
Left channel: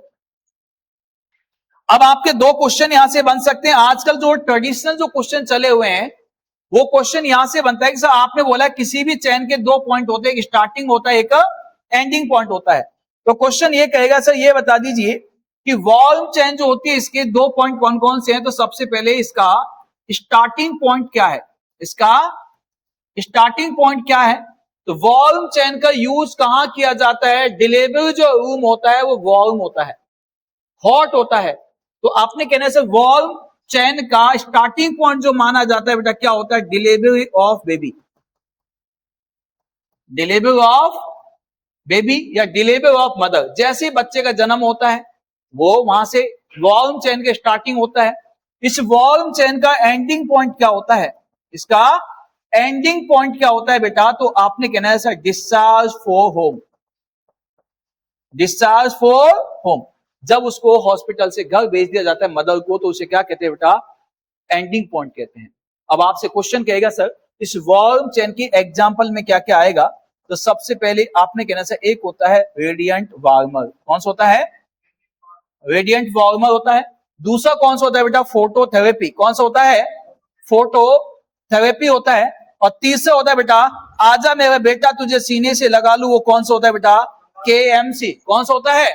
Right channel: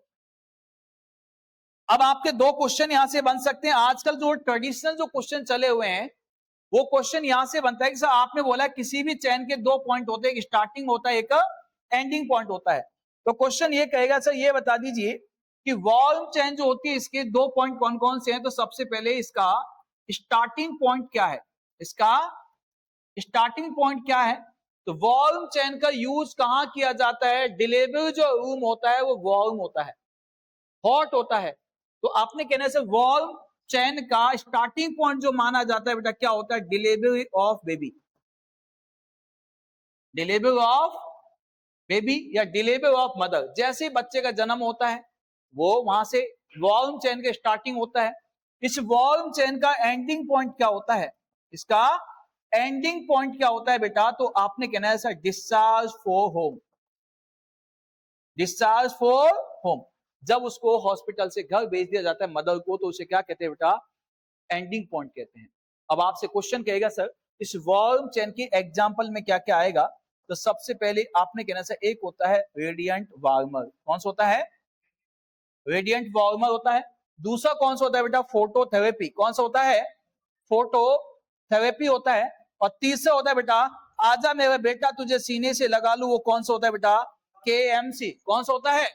अब आपके दो क्वेश्चन यहां से बन सकते हैं। आजकल जो ट्रेडिशनल जो क्वेश्चन चले हुए हैं वो क्वेश्चन यहां से बनता है कि सर आपने बोला किसी भी चैन के दो पॉइंट होते हैं, एक स्टार्टिंग होता है, एक एंडिंग पॉइंट होता है। तो क्वेश्चन ये कहेगा सर ये बता दीजिए कि वॉल्व चैन जो होती है इसके दो पॉइंट कौन कौन से हैं। तो सबसे पहले इसका स्टार्टिंग पॉइंट क्या है, इसका स्टार्टिंग पॉइंट क्या है। तो वॉल्व चैन का यूज कहां किया जाता है, डिलीवरी जो रूम होता है वो वॉल्व होता है, हॉट होता है। तो आपने कहने से वॉल्व चैन का स्टार्टिंग पॉइंट जो माना जाता है बेटा क्या होता है, delivery of baby, delivery of baby या डिलीवरी ऑफ मदर। जैसे ही बच्चे का जन्म होता है वो वहां से वॉल्व चैन का स्टार्टिंग होता है। इस वॉल्व चैन का एंडिंग पॉइंट क्या होता है, इसका एंडिंग पॉइंट क्या होता है बेटा, तो आपने कहना है sir discharge for home, discharge for home. जब उसको हॉस्पिटल से घर भेज दिया जाता है मदर को, तो उसे क्या कहते हैं बेटा? एंडिंग पॉइंट कहते हैं। अब आपसे क्वेश्चन कहेगा सर इस वार्म चेन की एग्जांपल में क्या क्या आएगा? तो सबसे पहले आपने कहना सर एक होता है रेडिएंट वार्मर। कौन सा होता है? रेडिएंट वार्मर होता है। दूसरा कौन सा होता है बेटा? फोटोथेरेपी। कौन सा होता है? फोटोथेरेपी होता है। और तीसरा होता है बेटा आजा मेरा बेटा तुझे सीने से लगा लूं, वो कौन सा होता है बेटा? केएमसी। कौन सा होता है?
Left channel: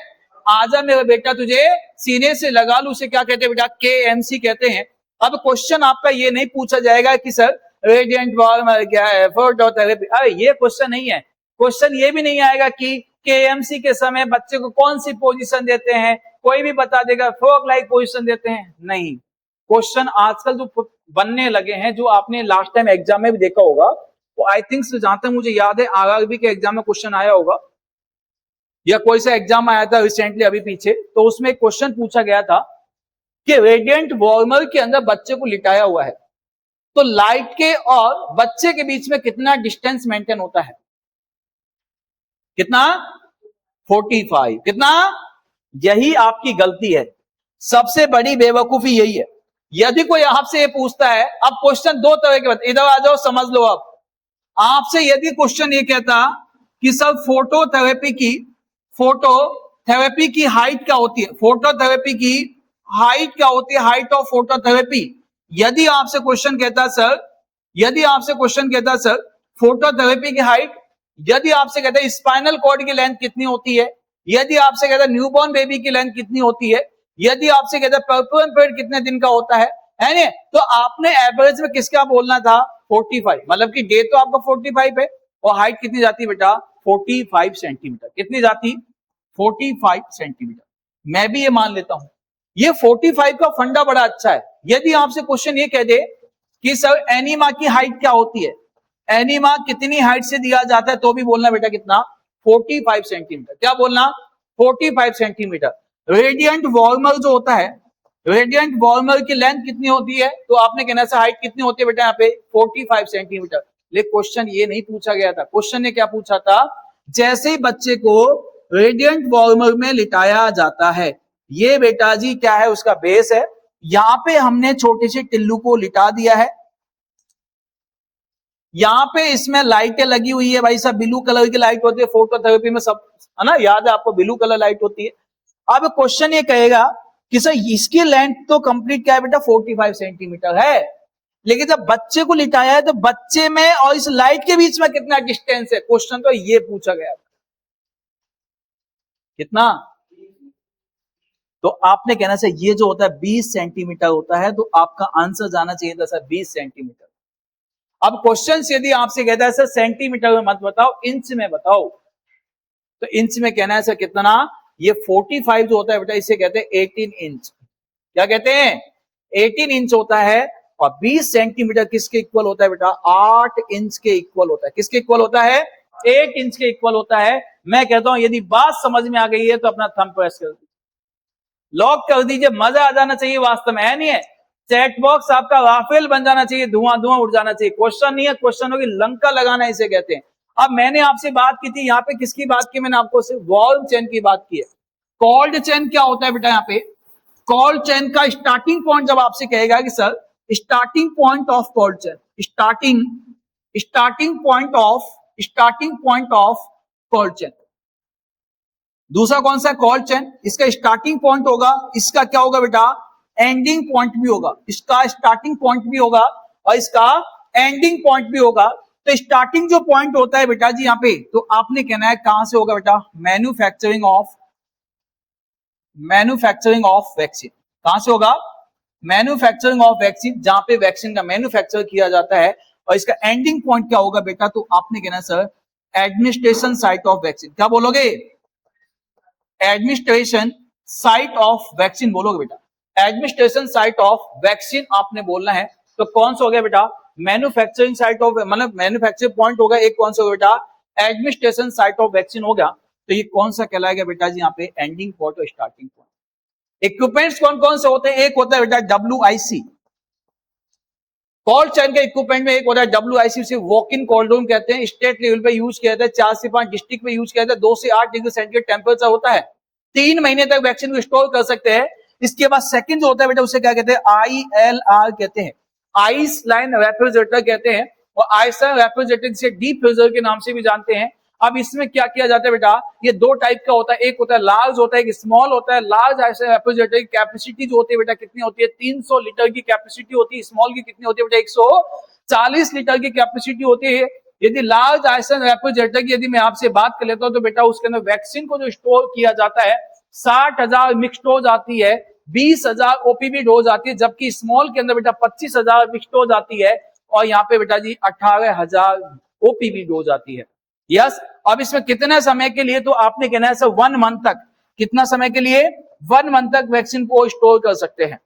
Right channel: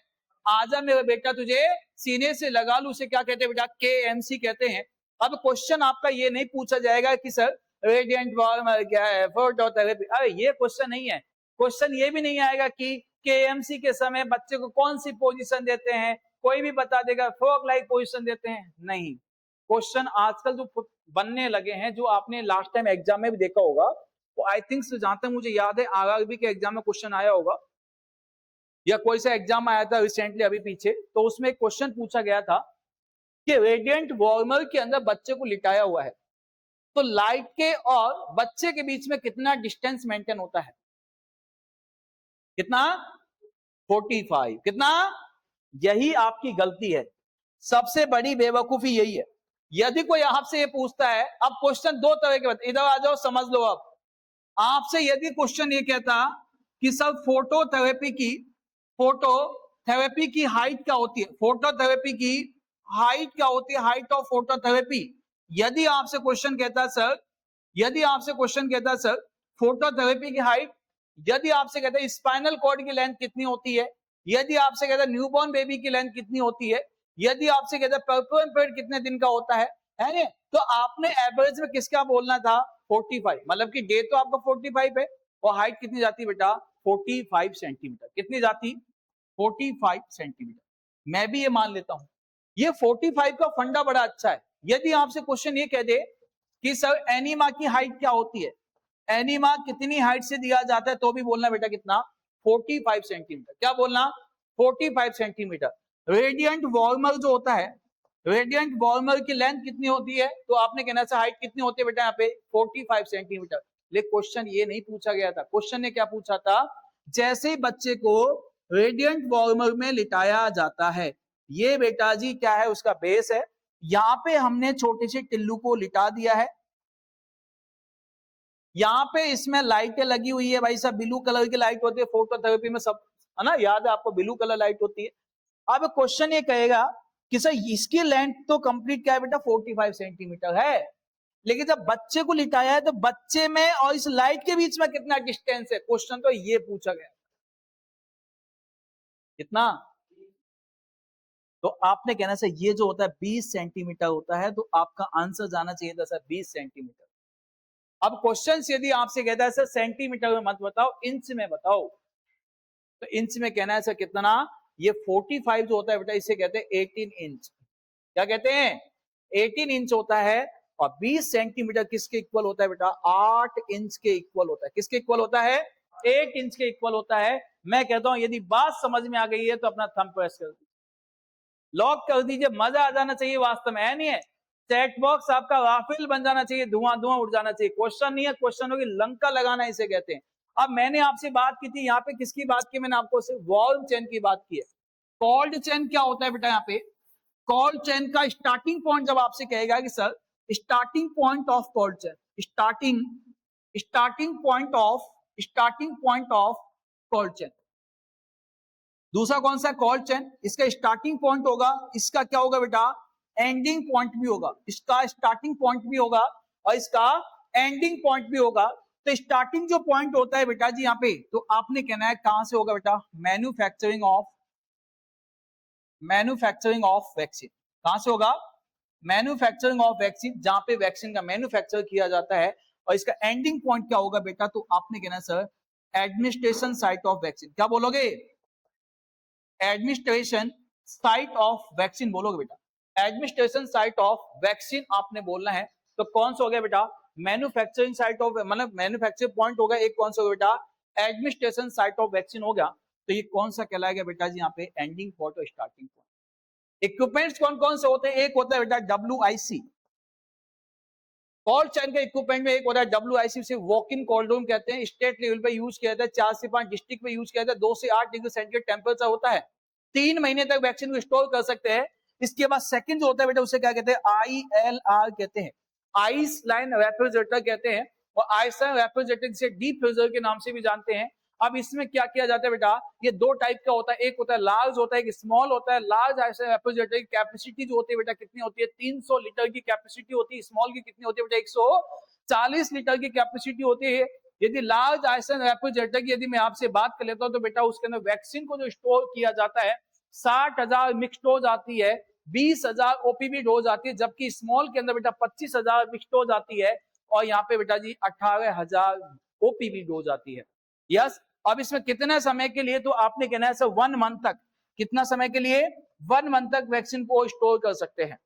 आजा मेरा बेटा तुझे सीने से लगा लूं, उसे क्या कहते हैं बेटा? केएमसी कहते हैं। अब क्वेश्चन आपका ये नहीं पूछा जाएगा कि सर रेडिएंट वार्मर क्या है, फोटोथेरेपी, अरे ये क्वेश्चन नहीं है। क्वेश्चन ये भी नहीं आएगा कि केएमसी के समय बच्चे को कौन सी पोजीशन देते हैं, कोई भी बता देगा फ्रॉग लाइक पोजीशन देते हैं, नहीं। क्वेश्चन आजकल जो बनने लगे हैं, जो आपने लास्ट टाइम एग्जाम में भी देखा होगा, वो आई थिंक जहां तक मुझे याद है आरआरबी के एग्जाम में क्वेश्चन आया होगा, या कोई सा एग्जाम आया था रिसेंटली अभी पीछे, तो उसमें एक क्वेश्चन पूछा गया था कि रेडिएंट वार्मर के अंदर बच्चे को लिटाया हुआ है, तो लाइट के और बच्चे के बीच में कितना डिस्टेंस मेंटेन होता है? कितना? 45। कितना? यही आपकी गलती है, सबसे बड़ी बेवकूफी यही है। यदि कोई आपसे ये पूछता है, अब क्वेश्चन दो तरह के होते, इधर आ जाओ समझ लो। अब आपसे यदि क्वेश्चन ये कहता कि सर फोटोथेरेपी की हाइट क्या होती है, फोटोथेरेपी की हाइट क्या होती है, हाइट ऑफ फोटोथेरेपी, यदि आपसे क्वेश्चन कहता सर फोटोथेरेपी की हाइट, यदि आपसे कहता है स्पाइनल कॉर्ड की लेंथ कितनी होती है, यदि आपसे कहता है न्यूबॉर्न बेबी की लेंथ कितनी होती है, यदि आपसे कहता है पर्पल पीरियड कितने दिन का होता है ना, तो आपने एवरेज में किसका बोलना था? 45। मतलब कि डे तो आपका 45 है और हाइट कितनी जाती है बेटा? 45 सेंटीमीटर। कितनी जाती? 45 सेंटीमीटर। मैं भी ये मान लेता हूं, ये 45 का फंडा बड़ा अच्छा है। यदि आपसे क्वेश्चन ये कह दे कि सर एनीमा की हाइट क्या होती है, एनीमा कितनी हाइट से दिया जाता है, तो भी बोलना बेटा कितना? 45 सेंटीमीटर। क्या बोलना? 45 सेंटीमीटर। रेडिएंट वार्मर जो होता है, रेडिएंट वार्मर की लेंथ कितनी होती है, तो आपने कहना है हाइट कितनी होती है बेटा यहाँ पे? 45 सेंटीमीटर। लेकिन क्वेश्चन ये नहीं पूछा गया था। क्वेश्चन ने क्या पूछा था? जैसे ही बच्चे को रेडिएंट वार्मर में लिटाया जाता है, ये बेटा जी क्या है? उसका बेस है। यहां पे हमने छोटे से टिल्लू को लिटा दिया है, यहाँ पे इसमें लाइटें लगी हुई है भाई साहब, ब्लू कलर की लाइट होती है फोटोथेरेपी में, सब है ना, याद है आपको, ब्लू कलर लाइट होती है। अब क्वेश्चन ये कहेगा कि सर इसकी लेंथ तो कंप्लीट क्या है बेटा? 45 सेंटीमीटर है, लेकिन जब बच्चे को लिटाया है तो बच्चे में और इस लाइट के बीच में कितना डिस्टेंस है? क्वेश्चन तो ये पूछा गया था। कितना? तो आपने कहना सर ये जो होता है 20 सेंटीमीटर होता है, तो आपका आंसर जाना चाहिए था सर 20 सेंटीमीटर। अब क्वेश्चन यदि आपसे कहता है सर सेंटीमीटर में मत बताओ, इंच में बताओ, तो इंच में कहना है सर कितना? ये 45 जो होता है बेटा, इसे कहते हैं 18 इंच। क्या कहते हैं? 18 इंच होता है। और 20 सेंटीमीटर किसके इक्वल होता है बेटा? 8 इंच के इक्वल होता है। किसके इक्वल होता है? 8 इंच के इक्वल होता है। मैं कहता हूं यदि बात समझ में आ गई है तो अपना थंब प्रेस कर दीजिए, लॉक कर दीजिए। मजा आ जाना चाहिए, वास्तव में है नहीं है। चैट बॉक्स आपका राफेल बन जाना चाहिए, धुआं धुआं उड़ जाना चाहिए। क्वेश्चन नहीं है, क्वेश्चन होगी लंका लगाना, इसे कहते हैं। अब मैंने आपसे बात की थी, यहाँ पे किसकी बात की? मैंने आपको सिर्फ वार्म चेन की बात की है। कोल्ड चेन क्या होता है बेटा? यहाँ पे कोल्ड चेन का स्टार्टिंग पॉइंट जब आपसे कहेगा कि sir starting point of cold chain, starting point of cold chain. दूसरा कौन सा? Cold chain. इसका स्टार्टिंग पॉइंट होगा, इसका क्या होगा बेटा? एंडिंग पॉइंट भी होगा। इसका स्टार्टिंग पॉइंट भी होगा और इसका एंडिंग पॉइंट भी होगा। तो स्टार्टिंग जो पॉइंट होता है बेटा जी यहाँ पे, तो आपने कहना है कहां से होगा बेटा? Manufacturing of vaccine. कहां से होगा? मैन्युफैक्चरिंग ऑफ वैक्सीन, जहां पे वैक्सीन का मैन्युफैक्चर किया जाता है। और इसका एंडिंग पॉइंट क्या होगा बेटा? तो आपने कहना है sir administration site of vaccine. क्या बोलोगे? एडमिनिस्ट्रेशन साइट ऑफ वैक्सीन बोलोगे बेटा। एडमिनिस्ट्रेशन साइट ऑफ वैक्सीन आपने बोलना है। तो कौन सा हो गया बेटा? मैन्युफैक्चरिंग साइट ऑफ, मतलब मैन्युफैक्चरिंग पॉइंट होगा एक, कौन सा होगा बेटा? एडमिनिस्ट्रेशन साइट ऑफ वैक्सीन हो गया। तो ये कौन सा कहलाएगा बेटा जी यहाँ पे? एंडिंग पॉइंट और स्टार्टिंग पॉइंट। इक्विपमेंट्स कौन कौन से होते हैं? एक होता है बेटा WIC, कोल्ड चेन के इक्विपमेंट में एक होता है WIC, उसे वॉक इन कोल्ड रूम कहते हैं। स्टेट लेवल पे यूज किया जाता है, 4 से 5 डिस्ट्रिक्ट में यूज किया जाता है। 2 से 8 डिग्री सेंटीग्रेड टेम्परेचर होता है। 3 महीने तक वैक्सीन को स्टोर कर सकते हैं। इसके बाद सेकंड जो होता है बेटा, उसे क्या कहते हैं, ILR कहते हैं, आइस लाइन रेफ्रिजरेटर कहते हैं, और आइस लाइन रेफ्रिजरेटर से डीप फ्रीजर के नाम से भी जानते हैं। अब इसमें क्या किया जाता है बेटा, ये दो टाइप का होता है, एक होता है लार्ज होता है, एक स्मॉल होता है। लार्ज आइस लाइन रेफ्रिजरेटर की कैपेसिटी जो होती है बेटा कितनी होती है, 300 लीटर की कैपेसिटी होती है। स्मॉल की कितनी होती है बेटा, 140 लीटर की कैपेसिटी होती है। यदि लार्ज आइस लाइन रेफ्रिजरेटर की यदि मैं आपसे बात कर लेता हूं तो बेटा उसके अंदर वैक्सीन को जो स्टोर किया जाता है 60,000 मिक्स डोज आती है, 20,000 ओपीवी डोज आती है, जबकि स्मॉल के अंदर बेटा 25,000 मिक्स डोज आती है, और यहाँ पे बेटा जी 18,000 ओपीवी डोज आती है। यस, अब इसमें कितने समय के लिए, तो आपने कहना है सर 1 मंथ तक। कितना समय के लिए, 1 मंथ तक वैक्सीन को स्टोर कर सकते हैं।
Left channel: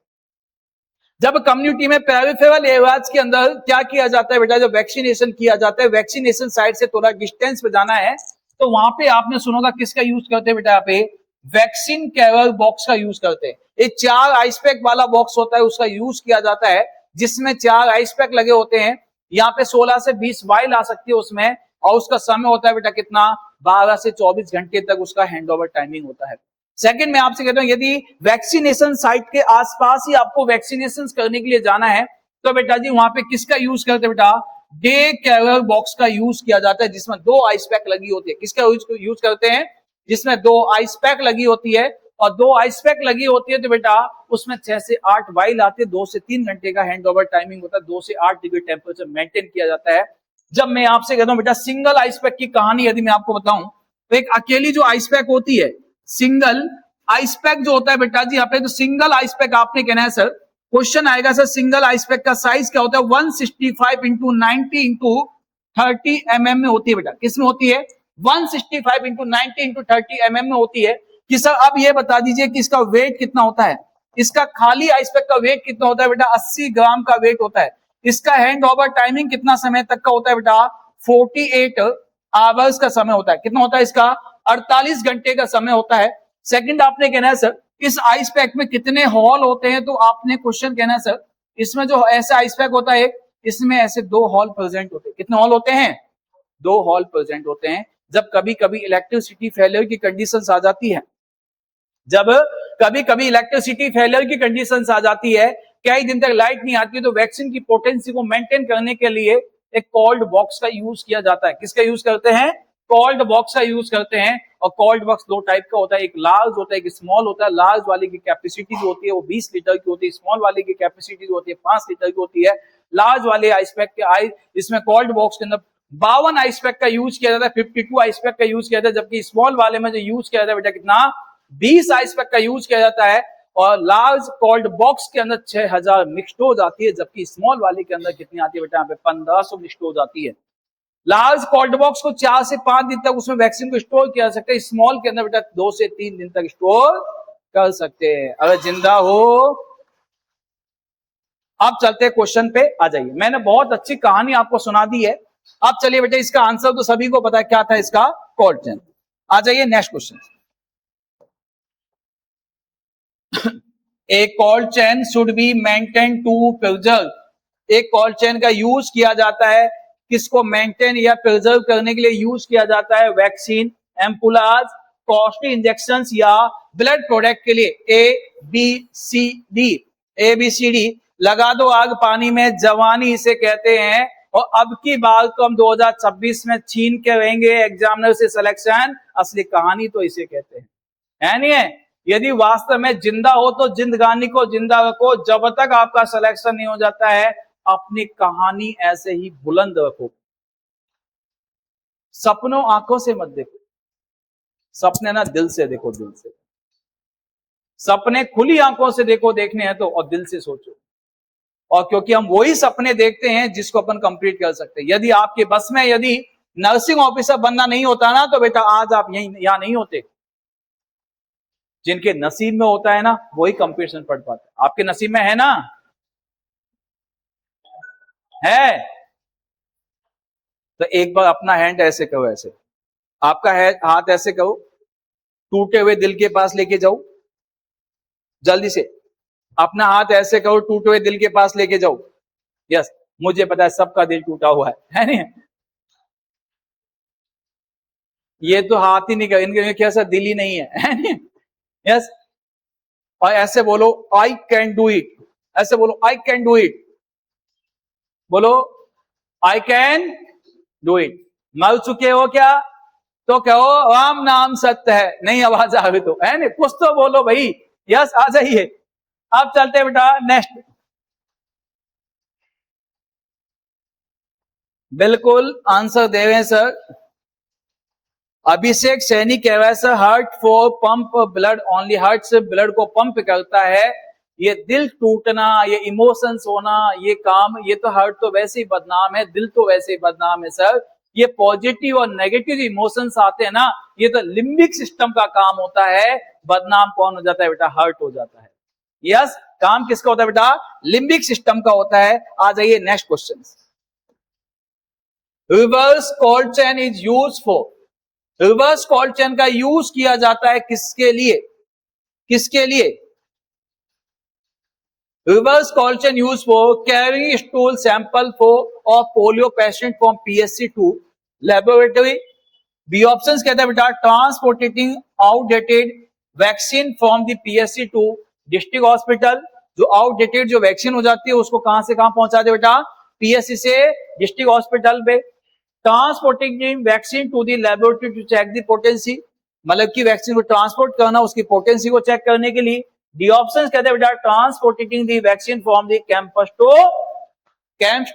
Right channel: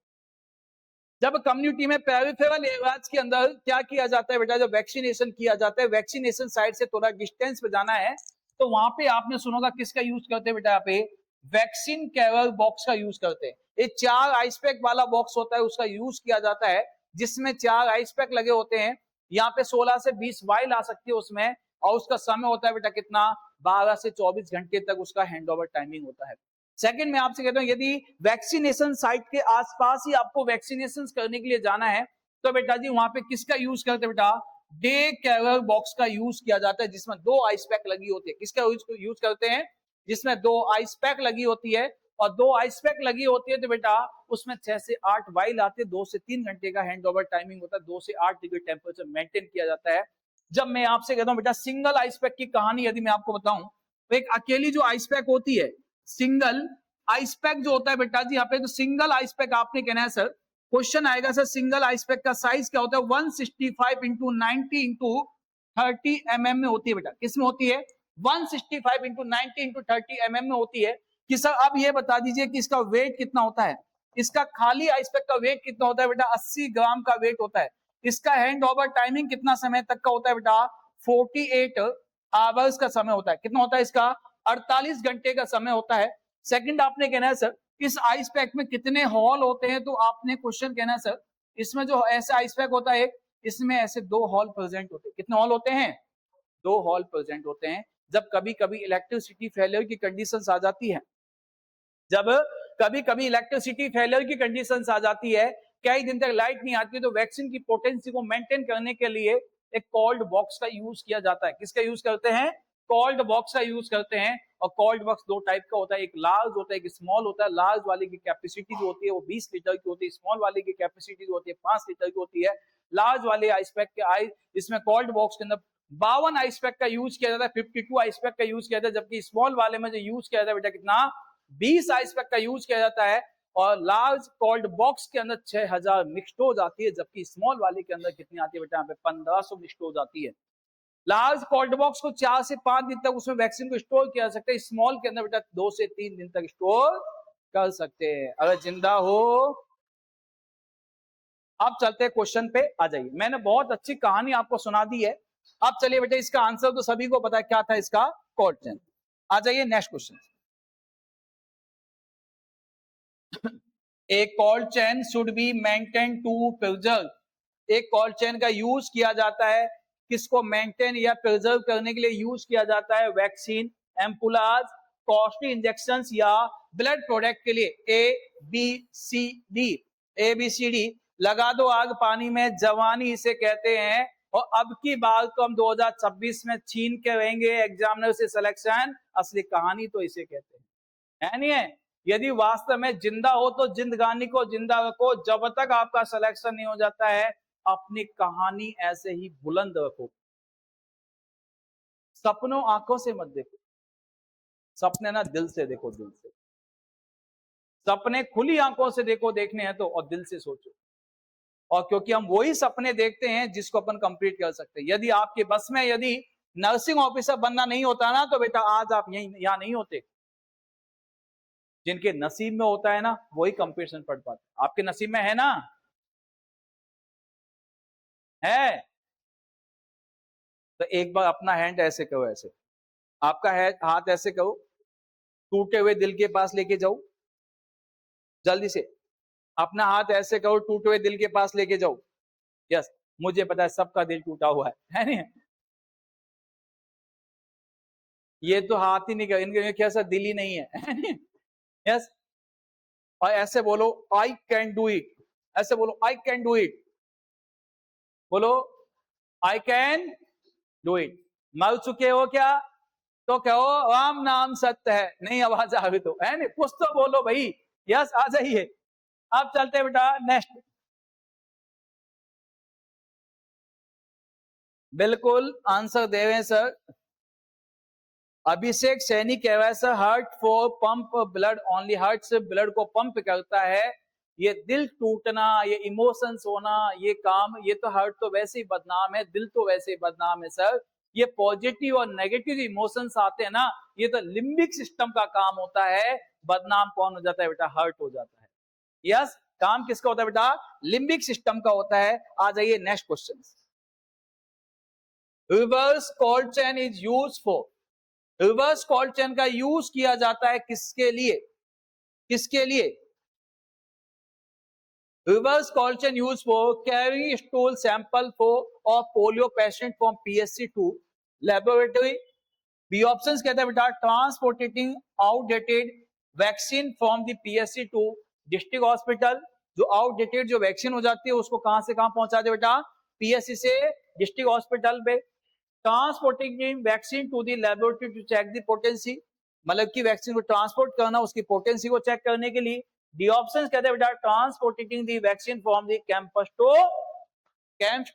जब कम्युनिटी में पेरिफेरल एरियाज के अंदर क्या किया जाता है बेटा, जब वैक्सीनेशन किया जाता है, वैक्सीनेशन साइट से थोड़ा डिस्टेंस पे जाना है, तो वहां पे आपने सुना होगा किसका यूज करते हैं बेटा, यहाँ पे वैक्सीन कैरियर बॉक्स का यूज करते हैं। एक 4 आइस पैक वाला बॉक्स होता है, उसका यूज किया जाता है, जिसमें 4 आइस पैक लगे होते हैं। यहाँ पे 16 से 20 वाइल आ सकती है उसमें, और उसका समय होता है बेटा कितना, 12 से 24 घंटे तक उसका हैंडओवर टाइमिंग होता है। सेकंड मैं आपसे कहता हूं, यदि वैक्सीनेशन साइट के आसपास ही आपको वैक्सीनेशन करने के लिए जाना है, तो बेटा जी वहां पे किसका यूज करते हैं बेटा, डे कैरियर बॉक्स का यूज किया जाता है, जिसमें 2 आइस पैक लगी होती है। किसका यूज करते हैं, जिसमें 2 आइस पैक लगी होती है, और 2 आइस पैक लगी होती है तो बेटा उसमें 6 से 8 वाइल आती है। 2 से 3 घंटे का हैंड ओवर टाइमिंग होता है, 2 से 8 डिग्री टेम्परेचर मेंटेन किया जाता है। जब मैं आपसे कहता हूं बेटा सिंगल आइस पैक की कहानी यदि मैं आपको बताऊं, तो एक अकेली जो आइस पैक होती है, सिंगल आइस पैक जो होता है बेटा जी यहाँ पे, तो सिंगल आइस पैक आपने कहना है सर, क्वेश्चन आएगा सर सिंगल आइस पैक का साइज क्या होता है, 165 इंटू 90 इंटू 30 mm में होती है बेटा। किसमें होती है, 165 इंटू 90 इंटू 30 mm में होती है। कि सर अब ये बता दीजिए कि इसका वेट कितना होता है, इसका खाली आइस पैक का वेट कितना होता है बेटा, 80 ग्राम का वेट होता है। इसका हैंड ओवर टाइमिंग कितना समय तक का होता है बेटा, 48 आवर्स का समय होता है। कितना होता है इसका, 48 घंटे का समय होता है। सेकंड आपने कहना है सर इस आइस पैक में कितने हॉल होते हैं, तो आपने क्वेश्चन कहना है सर इसमें जो ऐसा आइस पैक होता है, इसमें ऐसे 2 हॉल प्रेजेंट होते हैं। कितने हॉल होते हैं, 2 हॉल प्रेजेंट होते हैं। जब कभी कभी इलेक्ट्रिसिटी फेलियर की कंडीशंस आ जाती है, जब कभी कभी इलेक्ट्रिसिटी फेलियर की कंडीशंस आ जाती है, कई दिन तक लाइट नहीं आती, तो वैक्सीन की पोटेंसी को मेंटेन करने के लिए एक कोल्ड बॉक्स का यूज किया जाता है। किसका यूज करते हैं, कोल्ड बॉक्स का यूज करते हैं। और कोल्ड बॉक्स 2 टाइप का होता है, एक लार्ज होता है, एक स्मॉल होता है। लार्ज वाले की कैपेसिटी जो होती है वो 20 लीटर की होती है, स्मॉल वाले की कैपेसिटी जो होती है 5 लीटर की होती है। लार्ज वाले आइस पैक के इसमें कोल्ड बॉक्स के अंदर 52 आइस पैक का यूज किया जाता है, 52 आइस पैक का यूज किया जाता है, जबकि स्मॉल वाले में जो यूज किया जाता है बेटा कितना, 20 आइस पैक का यूज किया जाता है। और लार्ज कोल्ड बॉक्स के अंदर 6000 मिक्स डोज आती है, जबकि स्मॉल वाले के अंदर कितनी आती है बेटा, यहाँ पे 1500 मिक्स डोज आती है। लार्ज कोल्ड बॉक्स को 4 से 5 दिन तक उसमें वैक्सीन को स्टोर किया जा सकता है, स्मॉल के अंदर बेटा 2 से 3 दिन तक स्टोर कर सकते हैं, अगर जिंदा हो। अब चलते हैं क्वेश्चन पे, आ जाइए। मैंने बहुत अच्छी कहानी आपको सुना दी है, अब चलिए बेटा इसका आंसर तो सभी को पता है क्या था इसका, कोल्ड चेन। आ जाइए नेक्स्ट क्वेश्चन। एक cold chain should be maintain to preserve. एक कोल्ड चेन का यूज किया जाता है, किसको मेंटेन या प्रिजर्व करने के लिए यूज किया जाता है, वैक्सीन, एम्पुलाज, कॉस्टली इंजेक्शन या ब्लड प्रोडक्ट के लिए। ए बी सी डी लगा दो आग पानी में, जवानी इसे कहते हैं। और अब की बात तो हम 2026 में छीन के रहेंगे एग्जामिनर से सिलेक्शन, असली कहानी तो इसे कहते हैं, है नहीं है। यदि वास्तव में जिंदा हो तो जिंदगानी को जिंदा रखो, जब तक आपका सिलेक्शन नहीं हो जाता है अपनी कहानी ऐसे ही बुलंद रखो। सपनों आंखों से मत देखो, सपने ना दिल से देखो, दिल से। सपने खुली आंखों से देखो, देखने हैं तो, और दिल से सोचो। और क्योंकि हम वही सपने देखते हैं जिसको अपन कंप्लीट कर सकते हैं। यदि आपके बस में यदि नर्सिंग ऑफिसर बनना नहीं होता ना, तो बेटा आज आप यहां नहीं होते। जिनके नसीब में होता है ना वही कंपटीशन पढ़ पाते हैं। आपके नसीब में है ना, है तो एक बार अपना हैंड ऐसे करो, ऐसे आपका हाथ ऐसे करो, टूटे हुए दिल के पास लेके जाओ, जल्दी से अपना हाथ ऐसे करो, टूटे हुए दिल के पास लेके जाओ। यस, मुझे पता है सबका दिल टूटा हुआ है नहीं? ये तो हाथ ही नहीं कर, इनके कैसा दिल ही नहीं है नहीं? यस, और ऐसे बोलो आई कैन डू इट, ऐसे बोलो आई कैन डू इट, बोलो आई कैन डू इट। मर चुके हो क्या, तो कहो राम नाम सत्य है, नहीं आवाज आ गई तो है नहीं, कुछ तो बोलो भाई। यस, आ जाइए। अब चलते हैं बेटा नेक्स्ट। बिल्कुल आंसर दे रहे हैं सर। अभिषेक सैनी कह रहा है sir heart for pump blood only, heart से ब्लड को पंप करता है, ये दिल टूटना, ये इमोशंस होना, ये काम, ये तो हार्ट तो वैसे ही बदनाम है, दिल तो वैसे ही बदनाम है सर। ये पॉजिटिव और नेगेटिव इमोशंस आते हैं ना, ये तो लिम्बिक सिस्टम का काम होता है। बदनाम कौन हो जाता है बेटा, हार्ट हो जाता है। यस, काम किसका होता है बेटा, लिम्बिक सिस्टम का होता है। आ जाइए next question. Reverse cold chain is use for, reverse cold chain का यूज किया जाता है किसके लिए, किसके लिए? Reverse cold chain use for carrying stool sample for of polio patient from PSC to laboratory. B option कहता है बेटा transporting outdated vaccine from the PSC to district hospital. जो आउटडेटेड जो वैक्सीन हो जाती है उसको कहां से कहां पहुंचा दे बेटा, पीएससी से डिस्ट्रिक्ट हॉस्पिटल पे। Transporting vaccine to the laboratory to check the potency, मतलब की वैक्सीन को ट्रांसपोर्ट करना उसकी पोटेंसी को चेक करने के लिए। डी ऑप्शन कहते हैं बेटा transporting the vaccine from the campus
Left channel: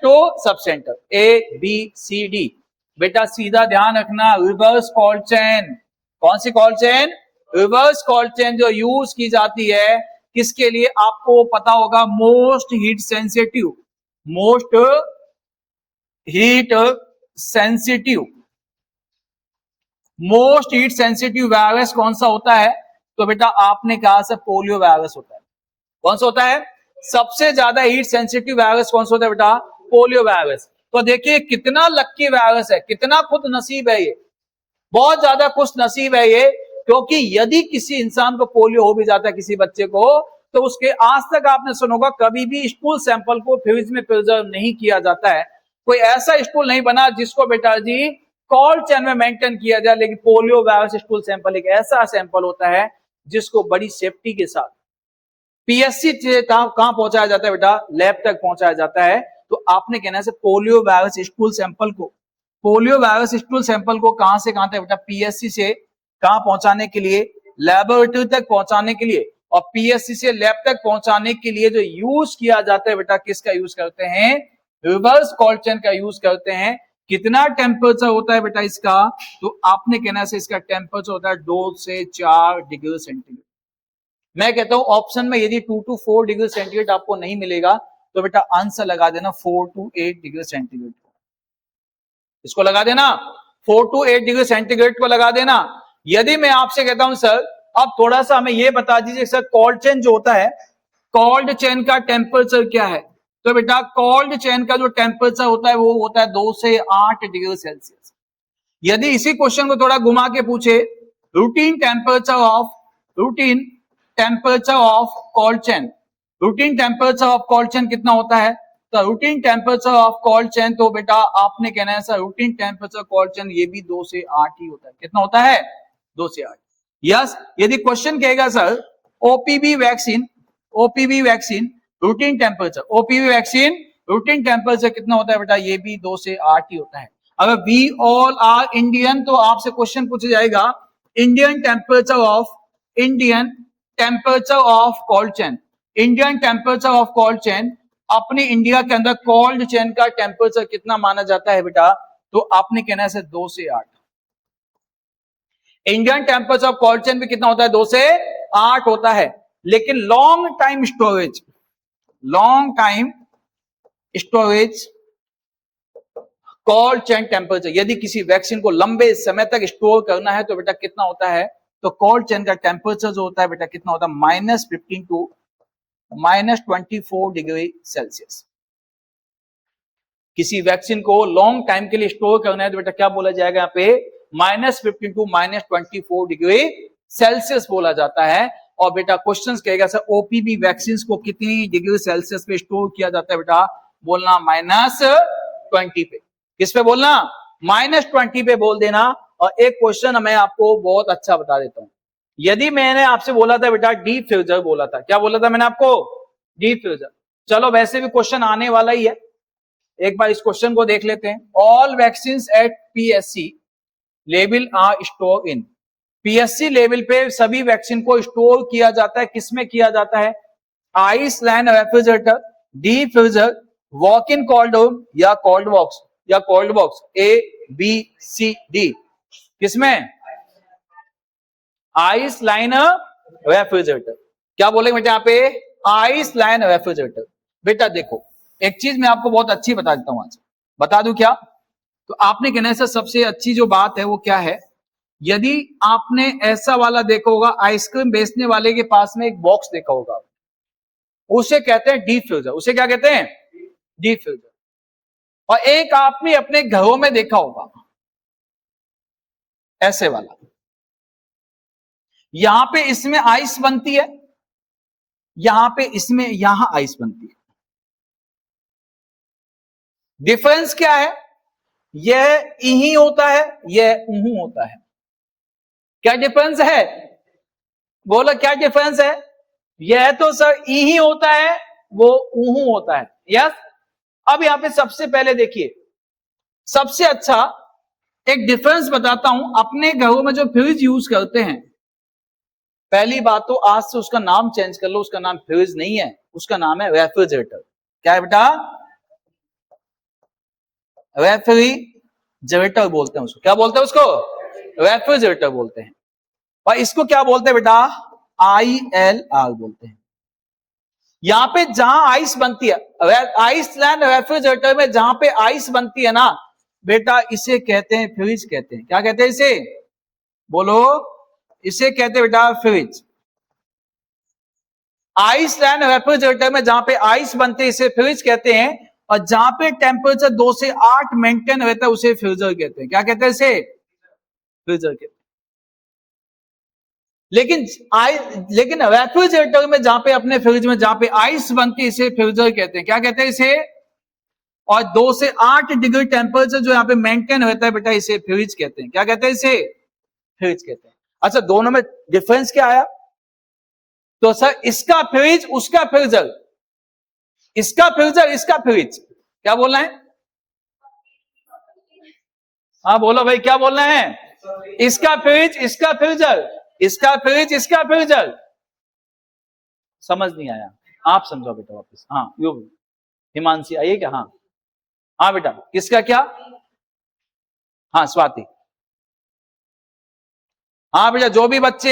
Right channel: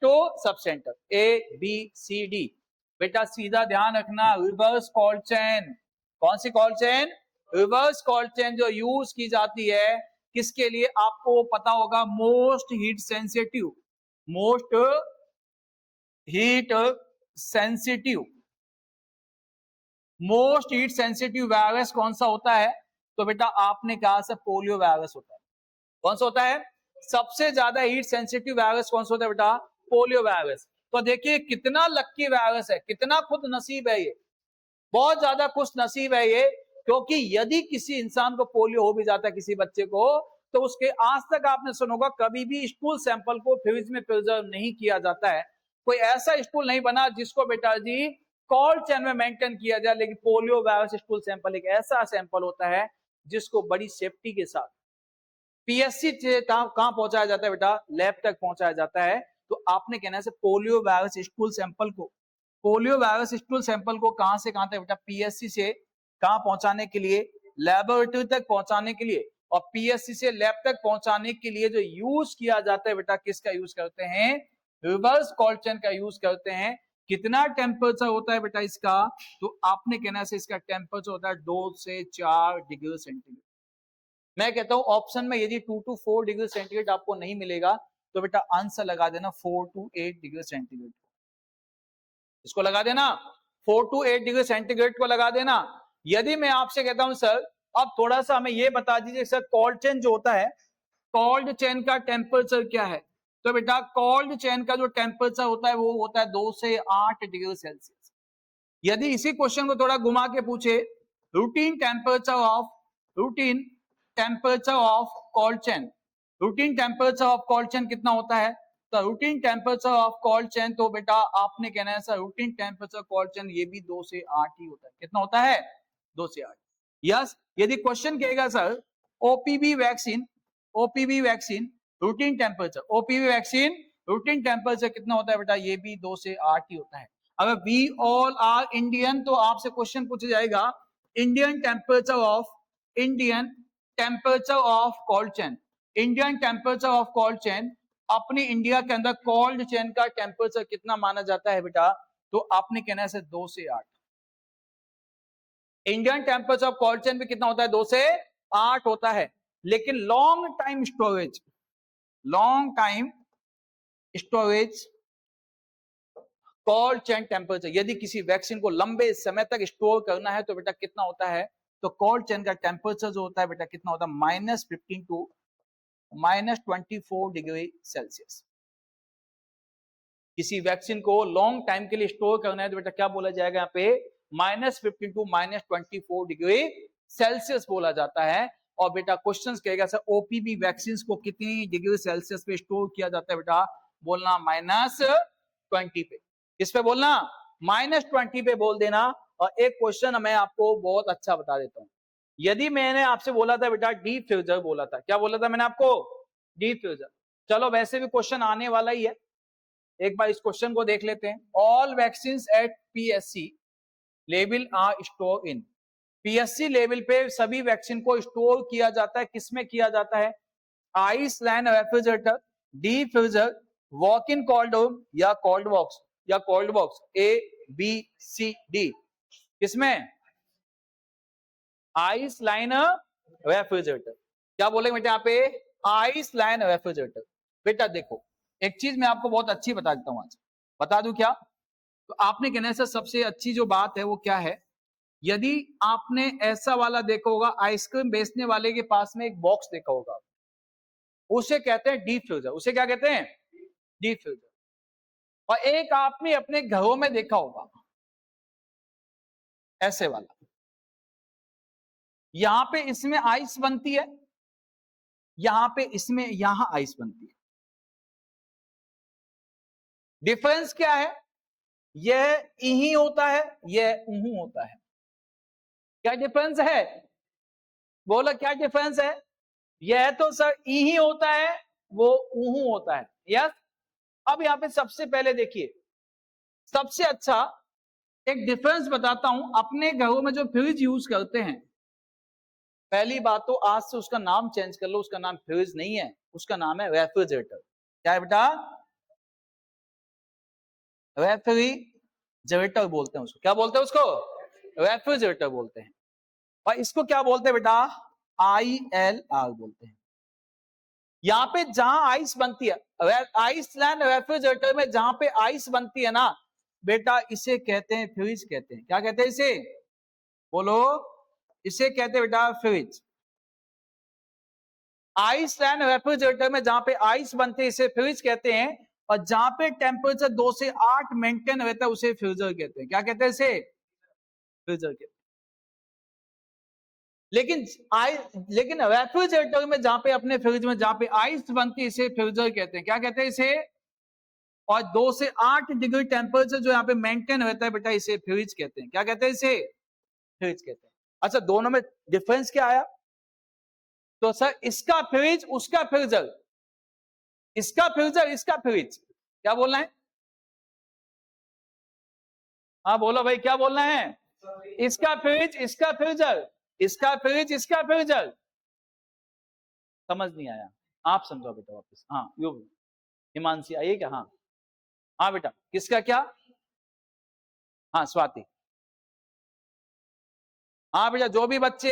to sub centre. A B C D. बेटा सीधा ध्यान रखना, रिवर्स कोल्ड चेन, कौन सी cold chain, reverse cold chain जो यूज की जाती है किसके लिए आपको पता होगा, most heat sensitive, most heat sensitive, most heat sensitive virus कौन सा होता है, तो बेटा आपने कहा से पोलियो वायरस होता है। कौन सा होता है, सबसे ज्यादा हीट सेंसिटिव वायरस कौन सा होता है बेटा, पोलियो वायरस। तो देखिए कितना लक्की वायरस है, कितना खुद नसीब है ये, बहुत ज्यादा खुश नसीब है ये, क्योंकि यदि किसी इंसान को पोलियो हो भी जाता है किसी बच्चे को, तो उसके आज तक आपने सुना होगा कभी भी स्टूल सैंपल को फ्रिज में प्रिजर्व नहीं किया जाता है। कोई ऐसा स्टूल नहीं बना जिसको बेटा जी कोल्ड चेन में मेंटेन किया जाए, लेकिन पोलियो वायरस स्टूल सैंपल एक ऐसा सैंपल होता है जिसको बड़ी सेफ्टी के साथ पीएससी से कहां पहुंचाया जाता है बेटा, लैब तक पहुंचाया जाता है। तो आपने कहना से पोलियो वायरस स्टूल सैंपल को, पोलियो वायरस स्टूल सैंपल को कहां से कहां तक बेटा, पीएससी से कहां पहुंचाने के लिए, लैबोरेटरी तक पहुंचाने के लिए, और पीएससी से लैब तक पहुंचाने के लिए जो यूज किया जाता है बेटा, किसका यूज करते हैं, रिवर्स कोल्ड चेन का यूज करते हैं। कितना टेम्परेचर होता है बेटा इसका, तो आपने कहना से इसका टेम्परेचर होता है 2 से 4 डिग्री सेंटीग्रेड। मैं कहता हूं ऑप्शन में यदि 2 to 4 डिग्री सेंटीग्रेड आपको नहीं मिलेगा तो बेटा आंसर लगा देना 4 to 8 डिग्री सेंटीग्रेड, इसको लगा देना 4 to 8 डिग्री सेंटीग्रेड को लगा देना। यदि मैं आपसे कहता हूं सर अब थोड़ा सा हमें यह बता दीजिए सर कोल्ड चेन जो होता है, कोल्ड चेन का टेम्परेचर क्या है, तो बेटा कोल्ड चेन का जो टेम्परेचर होता है वो होता है 2 से 8 डिग्री सेल्सियस। यदि इसी क्वेश्चन को थोड़ा घुमा के पूछे, routine temperature of cold chain, routine temperature of cold chain कितना होता है, तो routine temperature of cold chain, तो बेटा आपने कहना है sir routine temperature cold chain ये भी 2 से 8 ही होता है। कितना होता है, 2 से 8। यस, यदि क्वेश्चन कहेगा sir OPV vaccine, OPV vaccine routine temperature, OPV vaccine routine temperature कितना होता है बेटा, ये भी 2 से 8 ही होता है। अगर वी ऑल आर इंडियन तो आपसे क्वेश्चन पूछा जाएगा Indian temperature of cold chain, Indian temperature of cold chain, अपने इंडिया के अंदर कोल्ड चेन का टेम्परेचर कितना माना जाता है बेटा, तो आपने कहना है 2 से 8। Indian temperature of cold chain भी कितना होता है, 2 से 8 होता है। लेकिन long time storage cold chain temperature, यदि किसी वैक्सीन को लंबे समय तक स्टोर करना है तो बेटा कितना होता है, तो कोल्ड चेन का टेम्परेचर जो होता है बेटा कितना होता है, -15 to -24 डिग्री सेल्सियस। किसी वैक्सीन को लॉन्ग टाइम के लिए स्टोर करना है तो बेटा क्या बोला जाएगा यहाँ पे, -15 to -24 डिग्री सेल्सियस बोला जाता है। और बेटा क्वेश्चन कहेगा सर ओपीवी वैक्सीन को कितनी डिग्री सेल्सियस पे स्टोर किया जाता है, बेटा बोलना -20 पे। किस पे बोलना, -20 पे बोल देना। और एक क्वेश्चन मैं आपको बहुत अच्छा बता देता हूं, यदि मैंने आपसे बोला था बेटा डिफ्यूजर बोला था, क्या बोला था मैंने आपको? डिफ्यूजर। चलो वैसे भी क्वेश्चन आने वाला ही है, एक बार इस क्वेश्चन को देख लेते हैं। All vaccine at PSC level are store in, PSC level पे सभी वैक्सीन को स्टोर किया जाता है, किसमें किया जाता है? Ice lined refrigerator, diffuser, walk in cold room या कोल्ड बॉक्स, या cold box, A B C D, किसमें? Ice lined refrigerator. क्या बोलेंगे बेटा यहाँ पे? Ice lined refrigerator. बेटा देखो एक चीज मैं आपको बहुत अच्छी बता देता हूं आज, बता दूं क्या? तो आपने कहने से सबसे अच्छी जो बात है वो क्या है, यदि आपने ऐसा वाला देखा होगा, आइसक्रीम बेचने वाले के पास में एक बॉक्स देखा होगा, उसे कहते हैं डिफ्यूजर। उसे क्या कहते हैं? डिफ्यूजर। और एक आपने अपने घरों में देखा होगा ऐसे वाला, यहां पे इसमें आइस बनती है, यहां पे इसमें यहां आइस बनती है। डिफरेंस क्या है? यह इही होता है, यह उहू होता है। क्या डिफरेंस है? बोलो क्या डिफरेंस है? यह तो सर इही होता है, वो उहू होता है। यस। अब यहां पे सबसे पहले देखिए, सबसे अच्छा एक डिफरेंस बताता हूं। अपने घरों में जो फ्रिज यूज करते हैं, पहली बात तो आज से उसका नाम चेंज कर लो, उसका नाम फ्रिज नहीं है, उसका नाम है रेफ्रिजरेटर। क्या है बेटा? रेफ्रिजरेटर बोलते हैं उसको। क्या बोलते हैं उसको? रेफ्रिजरेटर बोलते हैं। और इसको क्या बोलते हैं बेटा? ILR बोलते हैं। यहां पे जहां आइस बनती है, आइसलैंड रेफ्रिजरेटर में जहां पे आइस बनती है ना बेटा, इसे कहते हैं फ्रिज कहते हैं। क्या कहते हैं इसे? बोलो। इसे कहते हैं बेटा फ्रिज। आइसलैंड रेफ्रिजरेटर में जहां पे आइस बनती है इसे फ्रिज कहते हैं, और जहां पे टेम्परेचर 2 से 8 मेंटेन रहता है उसे फ्रीजर कहते हैं। क्या कहते हैं इसे? फ्रीजर कहते हैं। लेकिन रेफ्रिजरेटर में जहां पे अपने फ्रिज में जहां पे आइस बनती है इसे फ्रीजर कहते हैं। क्या कहते हैं इसे? और 2 से 8 डिग्री टेम्परेचर जो यहाँ पे मेंटेन रहता है बेटा, इसे फ्रिज कहते हैं। क्या कहते हैं इसे? फ्रिज कहते हैं। अच्छा, दोनों में डिफरेंस क्या आया? तो सर इसका फ्रिज उसका फ्रीजर, इसका फ्रीजर इसका फ्रिज। क्या बोलना है? हाँ बोलो भाई, क्या बोलना है? इसका फ्रिज इसका फ्रीजर, इसका फ्रिज इसका फ्रीजर। समझ नहीं आया? आप समझो बेटा वापस। हाँ यो हिमांशी आइए क्या? हाँ हाँ बेटा, किसका क्या? हाँ स्वाति। हाँ बेटा, जो भी बच्चे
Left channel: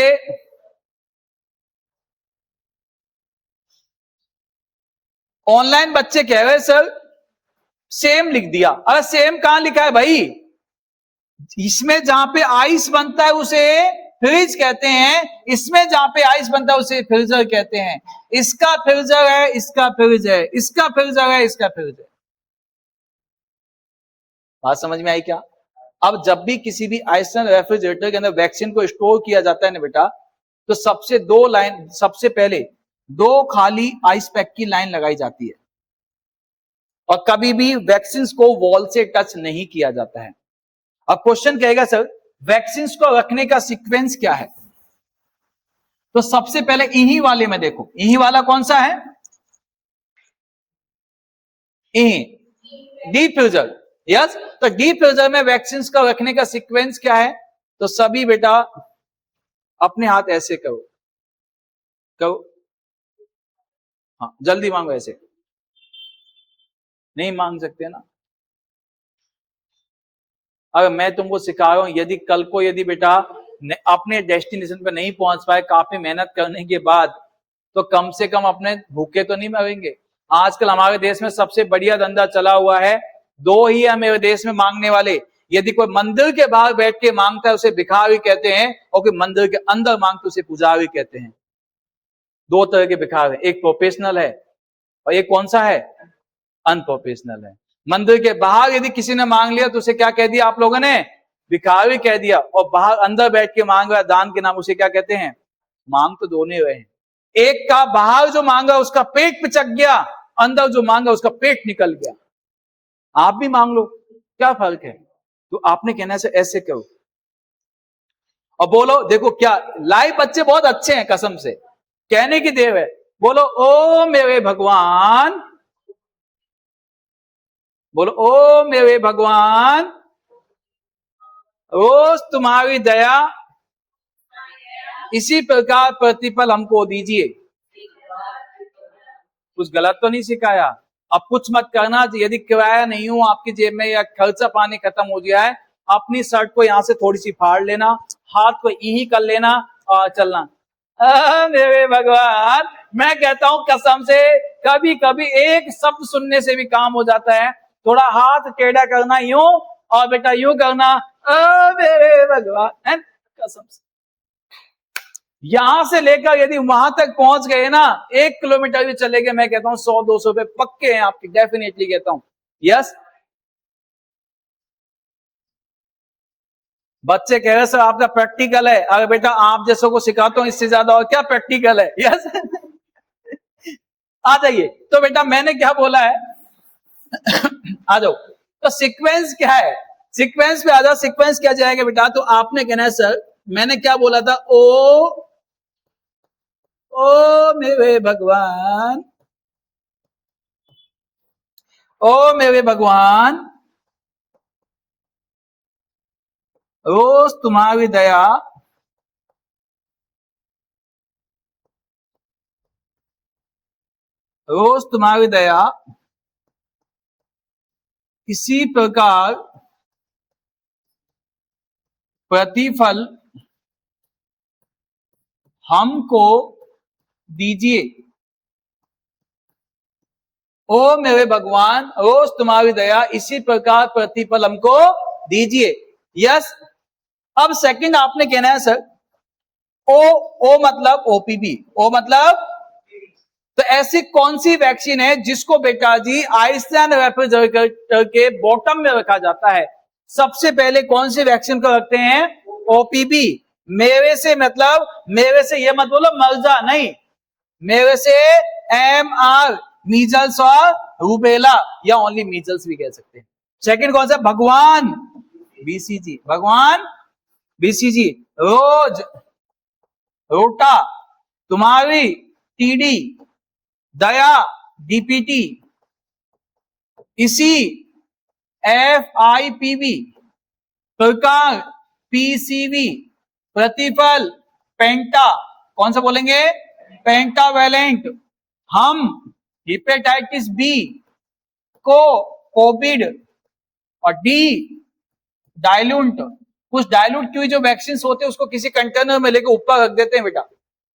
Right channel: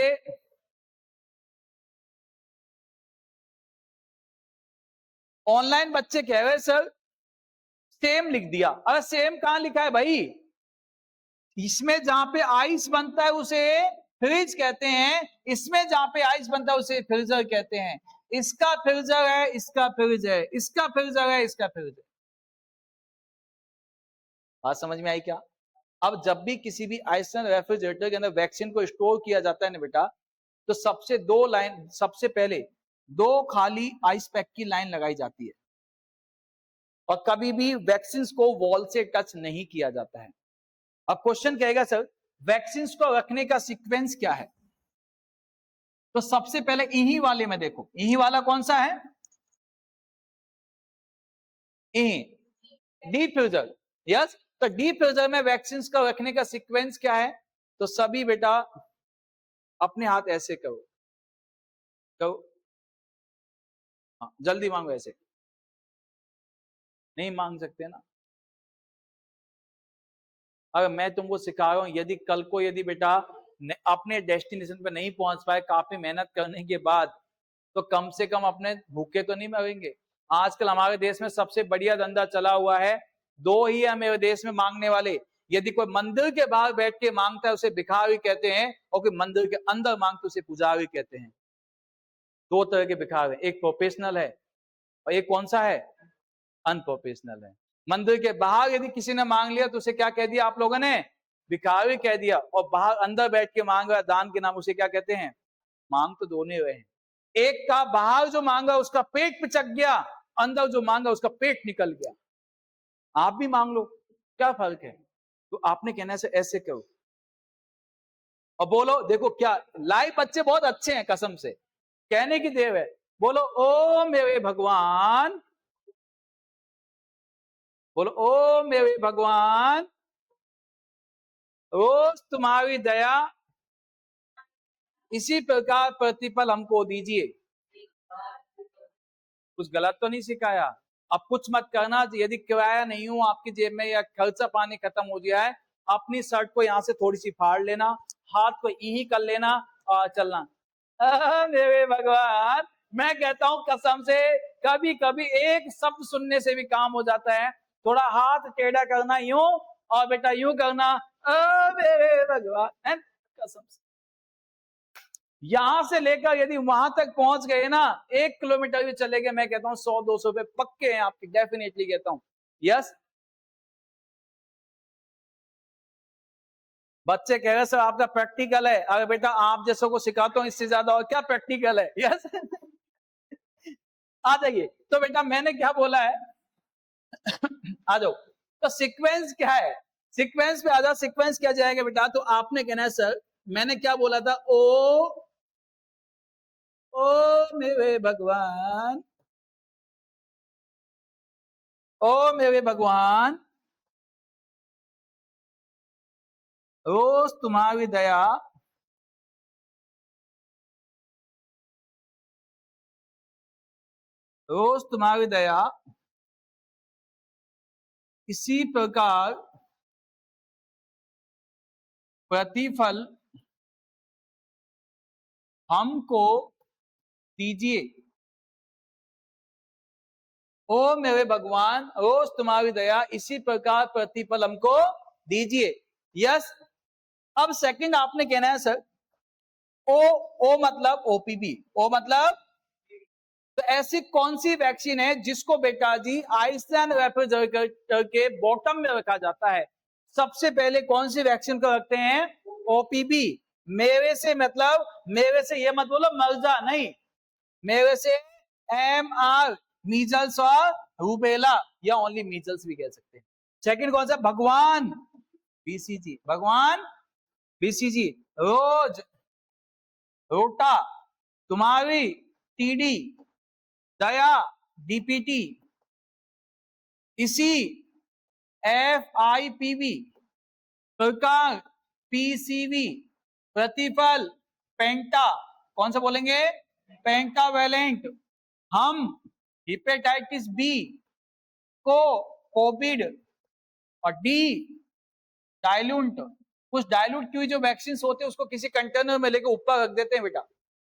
ऑनलाइन बच्चे कह रहे सर सेम लिख दिया। अरे सेम कहां लिखा है भाई? इसमें जहां पे आइस बनता है उसे फ्रिज कहते हैं, इसमें जहां पे आइस बनता है उसे फ्रीजर कहते हैं। इसका फ्रीजर है, इसका फ्रिज है, इसका फ्रीजर है, इसका फ्रिज है। बात समझ में आई क्या? अब जब भी किसी भी आइसलैंड रेफ्रिजरेटर के अंदर वैक्सीन को स्टोर किया जाता है ना बेटा, तो सबसे पहले 2 खाली आइस पैक की लाइन लगाई जाती है, और कभी भी वैक्सीन को वॉल से टच नहीं किया जाता है। अब क्वेश्चन कहेगा सर वैक्सीन को रखने का सीक्वेंस क्या है? तो सबसे पहले इन्हीं वाले में देखो, इन्हीं वाला कौन सा है? डिफ्यूजर। यस। तो डिफ्यूजर में वैक्सीन का रखने का सीक्वेंस क्या है? तो सभी बेटा अपने हाथ ऐसे करो, करो। हाँ जल्दी मांगो, ऐसे नहीं मांग सकते ना। अगर मैं तुमको सिखा रहा हूं, यदि कल को यदि बेटा अपने डेस्टिनेशन पे नहीं पहुंच पाए काफी मेहनत करने के बाद, तो कम से कम अपने भूखे तो नहीं मरेंगे। आजकल हमारे देश में सबसे बढ़िया धंधा चला हुआ है, 2 ही है मेरे देश में मांगने वाले। यदि कोई मंदिर के बाहर बैठ के मांगता है उसे भिखारी कहते हैं, और कोई मंदिर के अंदर मांगते उसे पुजारी कहते हैं। 2 तरह के भिखारी, एक प्रोफेशनल है और एक कौन सा है? अनप्रोफेशनल है। मंदिर के बाहर यदि किसी ने मांग लिया तो उसे क्या कह दिया आप लोगों ने? भिखारी कह दिया। और बाहर अंदर बैठ के मांग रहा दान के नाम, उसे क्या कहते हैं? मांग तो दोनों रहे हैं। एक का बाहर जो मांगा उसका पेट पिचक गया, अंदर जो मांगा उसका पेट निकल गया। आप भी मांग लो, क्या फर्क है? तो आपने कहना से ऐसे करो। और बोलो, देखो क्या लाइव बच्चे बहुत अच्छे हैं, कसम से कहने की देव है। बोलो ओ मेरे भगवान, बोलो ओ मेरे भगवान, रोज तुम्हारी दया इसी प्रकार प्रतिफल हमको दीजिए। कुछ गलत तो नहीं सिखाया? अब कुछ मत करना, यदि किराया नहीं हो आपकी जेब में या खर्चा पानी खत्म हो गया है, अपनी शर्ट को यहां से थोड़ी सी फाड़ लेना, हाथ को यही कर लेना और चलना। मेरे भगवान, मैं कहता हूं कसम से, कभी कभी एक शब्द सुनने से भी काम हो जाता है। थोड़ा हाथ टेढ़ा करना यूं और बेटा यूं करना, मेरे भगवान, कसम से यहां से लेकर यदि वहां तक पहुंच गए ना, 1 किलोमीटर भी चले गए, मैं कहता हूं 100-200 रुपए पक्के हैं आपके, डेफिनेटली कहता हूं। यस, बच्चे कह रहे सर आपका प्रैक्टिकल है। अरे बेटा आप जैसों को सिखाता हूं, इससे ज्यादा और क्या प्रैक्टिकल है। यस आ जाइए। तो बेटा मैंने क्या बोला है आ जाओ। तो सीक्वेंस क्या है, सीक्वेंस पे आ जाओ। सीक्वेंस क्या जाएगा बेटा? तो आपने कहना है सर मैंने क्या बोला था, ओ मेरे भगवान, ओ मेरे भगवान, रोज तुम्हारी दया रोज तुम्हारी दया इसी प्रकार प्रतिफल हमको दीजिए। ओ मेरे भगवान, रोज तुम्हारी दया इसी प्रकार प्रतिफल हमको दीजिए। यस। अब सेकंड आपने कहना है सर ओ मतलब ओपीबी, ओ मतलब, तो ऐसी कौन सी वैक्सीन है जिसको बेटा जी आइसलैंड रेफ्रिजरेटर के बॉटम में रखा जाता है? सबसे पहले कौन सी वैक्सीन को रखते हैं? ओपीबी। मेरे से मतलब, मेरे से ये मत बोलो मर्जा, नहीं, मेरे से MR, मीजल्स और रूबेला, या ओनली मीजल्स भी कह सकते हैं। सेकंड कौन सा? भगवान, BCG, भगवान BCG। रोज, रोटा, तुम्हारी TD, दया DPT, इसी FIPV, प्रकार PCV, प्रतिफल पेंटा, कौन सा बोलेंगे? पेंटावैलेंट। हम हेपेटाइटिस बी को कोविड और डी डाइल्यूट, कुछ डाइल्यूट की हुई जो वैक्सीन होते हैं उसको किसी कंटेनर में लेकर ऊपर रख देते हैं बेटा।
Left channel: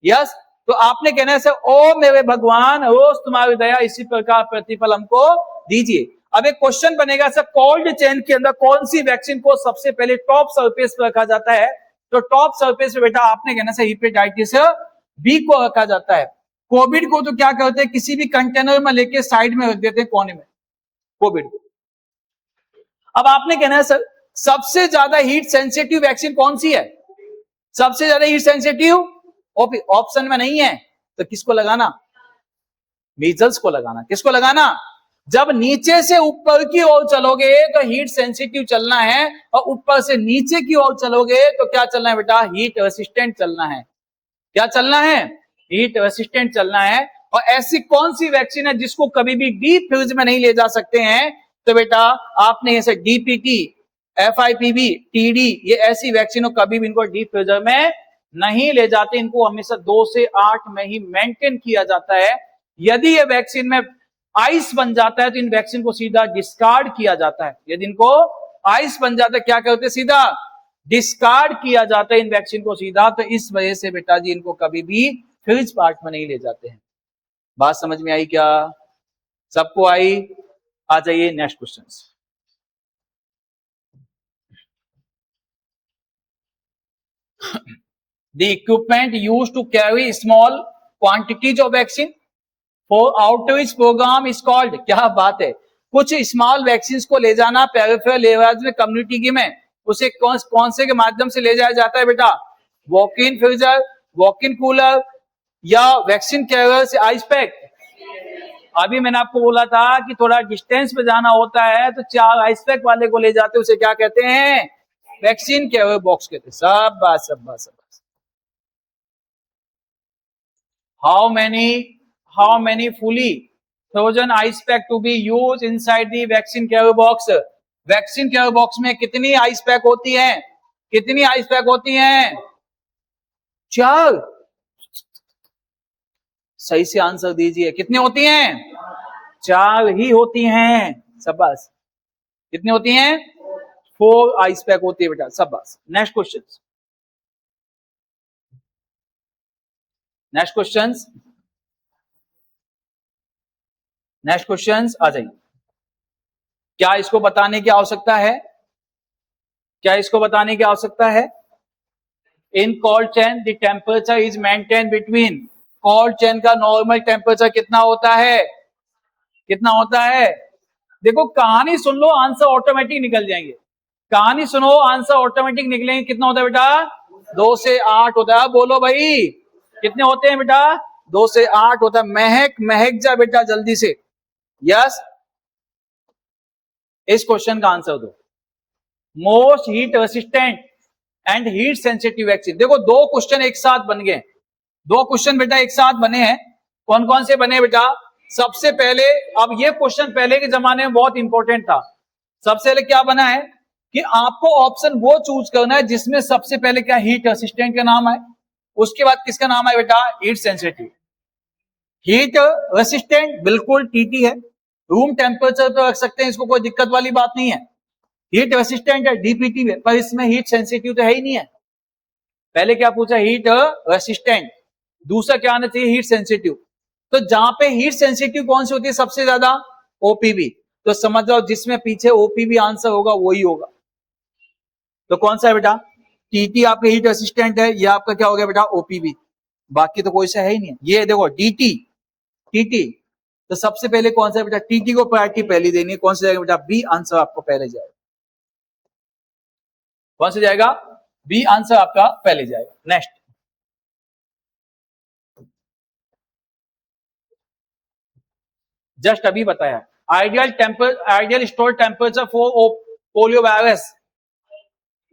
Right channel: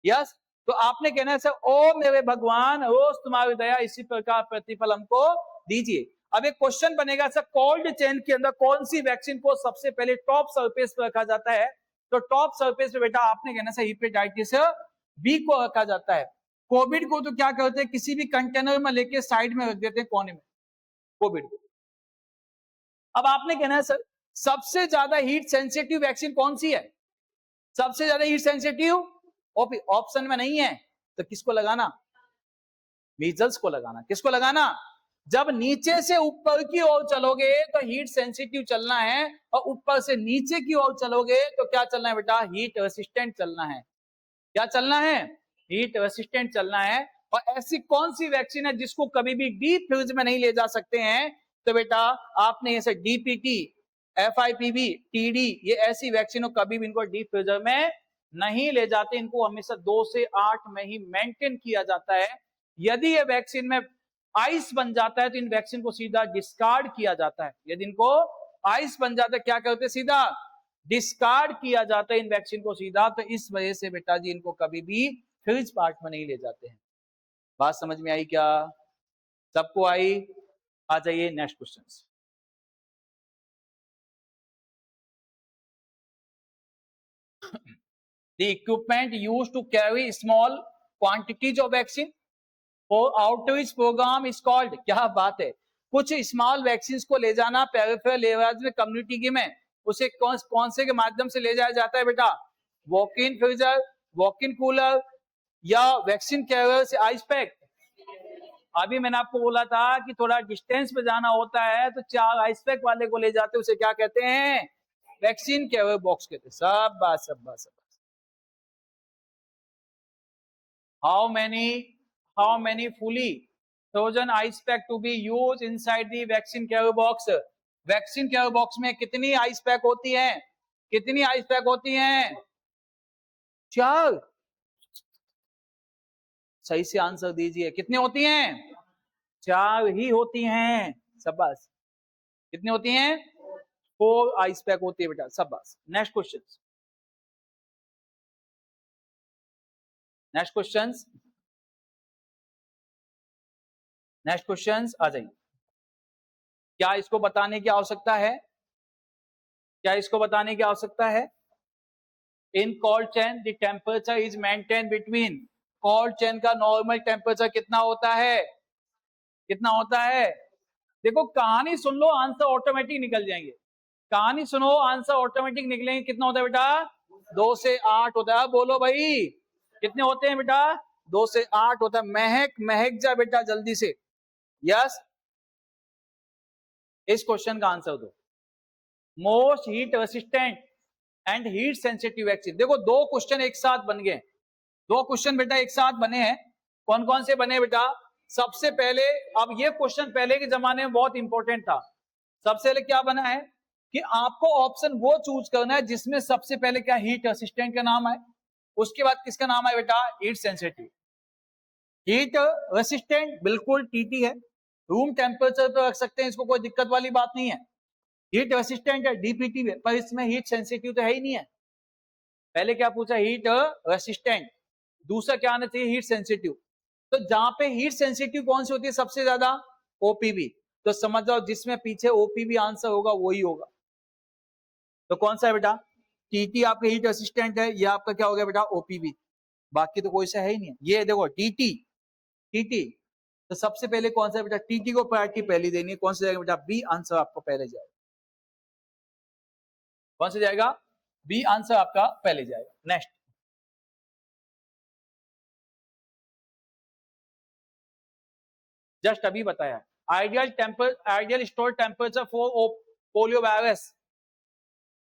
यस। तो आपने कहना है सर ओ मेरे भगवान, रोज तुम्हारी दया इसी प्रकार प्रतिफल हमको दीजिए। अब एक क्वेश्चन बनेगा सर, कोल्ड चेन के अंदर कौन सी वैक्सीन को सबसे पहले टॉप सरफेस पर रखा जाता है? तो टॉप सरफेस पे बेटा आपने कहना सर हेपेटाइटिस बी को रखा जाता है। कोविड को तो क्या करते हैं, किसी भी कंटेनर में लेके साइड में रख देते हैं, कोने में, कोविड। अब आपने कहना है सर सबसे ज्यादा हीट सेंसिटिव वैक्सीन कौन सी है? सबसे ज्यादा हीट सेंसिटिव ऑप्शन में नहीं है, तो किसको लगाना? मीजल्स को लगाना। किसको लगाना? जब नीचे से ऊपर की ओर चलोगे तो हीट सेंसिटिव चलना है, और ऊपर से नीचे की ओर चलोगे तो क्या चलना है बेटा? हीट रेसिस्टेंट चलना है। क्या चलना है? हीट रेसिस्टेंट चलना है। और ऐसी कौन सी वैक्सीन है जिसको कभी भी डीप फ्रीज में नहीं ले जा सकते हैं? तो बेटा आपने ऐसे DPT, FIPV, TD, ये ऐसी वैक्सीनों कभी भी इनको डीप फ्रीजर में नहीं ले जाते, इनको हमेशा 2 से 8 में ही मेंटेन किया जाता है। यदि ये वैक्सीन में आइस बन जाता है तो इन वैक्सीन को सीधा डिस्कार्ड किया जाता है। यदि इनको आइस बन जाता है क्या करते हैं? सीधा डिस्कार्ड किया जाता है इन वैक्सीन को सीधा। तो इस वजह से बेटा जी इनको कभी भी फ्रिज पार्ट में नहीं ले जाते हैं। बात समझ में आई क्या? सबको आई? आ जाइए next question. The equipment used to carry small quantities of vaccine for outreach program is called, क्या बात है, कुछ स्मॉल वैक्सीन को ले जाना पेरिफेरल एरियाज में, कम्युनिटी की में, उसे कौन से के माध्यम से ले जाया जाता है बेटा? Walk in freezer, walk in cooler, या वैक्सीन कैरियर से आइस पैक। अभी मैंने आपको बोला था कि थोड़ा डिस्टेंस पे जाना होता है तो 4 आइस पैक वाले को ले जाते हैं, उसे क्या कहते हैं? वैक्सीन कैरियर बॉक्स कहते हैं। शाबाश शाबाश शाबाश। How many fully frozen ice pack to be use inside the vaccine carrier box? Vaccine carrier box में कितनी आइस पैक होती हैं? कितनी आइस पैक होती हैं? 4। सही से आंसर दीजिए, कितनी होती हैं? 4 ही होती हैं। शाबाश। कितनी होती हैं? 4 आइस पैक होती है बेटा। शाबाश। Next question, next question, next question आ जाइए। क्या इसको बताने की आवश्यकता है? क्या इसको बताने की आवश्यकता है? In cold chain the temperature is maintain between, cold chain का नॉर्मल टेम्परेचर कितना होता है? कितना होता है? देखो कहानी सुन लो, आंसर ऑटोमेटिक निकल जाएंगे। कहानी सुनो, आंसर ऑटोमेटिक निकलेंगे। कितना होता है बेटा? 2 से 8 होता है। बोलो भाई कितने होते हैं बेटा? 2 से 8 होता है। महक जा बेटा जल्दी से। यस, इस क्वेश्चन का आंसर दो। Most heat resistant and heat sensitive vaccine. देखो 2 क्वेश्चन एक साथ बन गए। 2 क्वेश्चन बेटा एक साथ बने हैं। कौन कौन से बने बेटा? सबसे पहले, अब ये क्वेश्चन पहले के जमाने में बहुत इंपॉर्टेंट था। सबसे पहले क्या बना है कि आपको ऑप्शन वो चूज करना है जिसमें सबसे पहले क्या हीट रेसिस्टेंट का नाम है, उसके बाद किसका नाम है बेटा? Heat sensitive. हीट रेसिस्टेंट बिल्कुल टीटी है, रूम टेम्परेचर पे रख सकते हैं, इसको कोई दिक्कत वाली बात नहीं है। हीट रेसिस्टेंट है, डीपीटी है, पर इसमें हीट सेंसिटिव तो है ही नहीं है। पहले क्या पूछा? Heat resistant. दूसरा क्या आना चाहिए? Heat sensitive. तो जहां पे हीट सेंसिटिव कौन सी होती है सबसे ज्यादा? ओपीवी। तो समझ जाओ जिसमें पीछे ओपीवी आंसर होगा वही होगा। तो कौन सा है बेटा? टीटी आपका हीट रेसिस्टेंट है, ये आपका क्या हो गया बेटा? ओपीवी। बाकी तो कोई सा है ही नहीं। ये देखो डीटी, टीटी। तो सबसे पहले कौन सा है बेटा? टीटी को प्रायोरिटी पहली देनी है। कौन सा जाएगा बेटा? बी आंसर आपको पहले जाएगा। कौन सा जाएगा? बी आंसर आपका पहले जाएगा। नेक्स्ट, जस्ट अभी बताया, ideal store temperature for polio virus.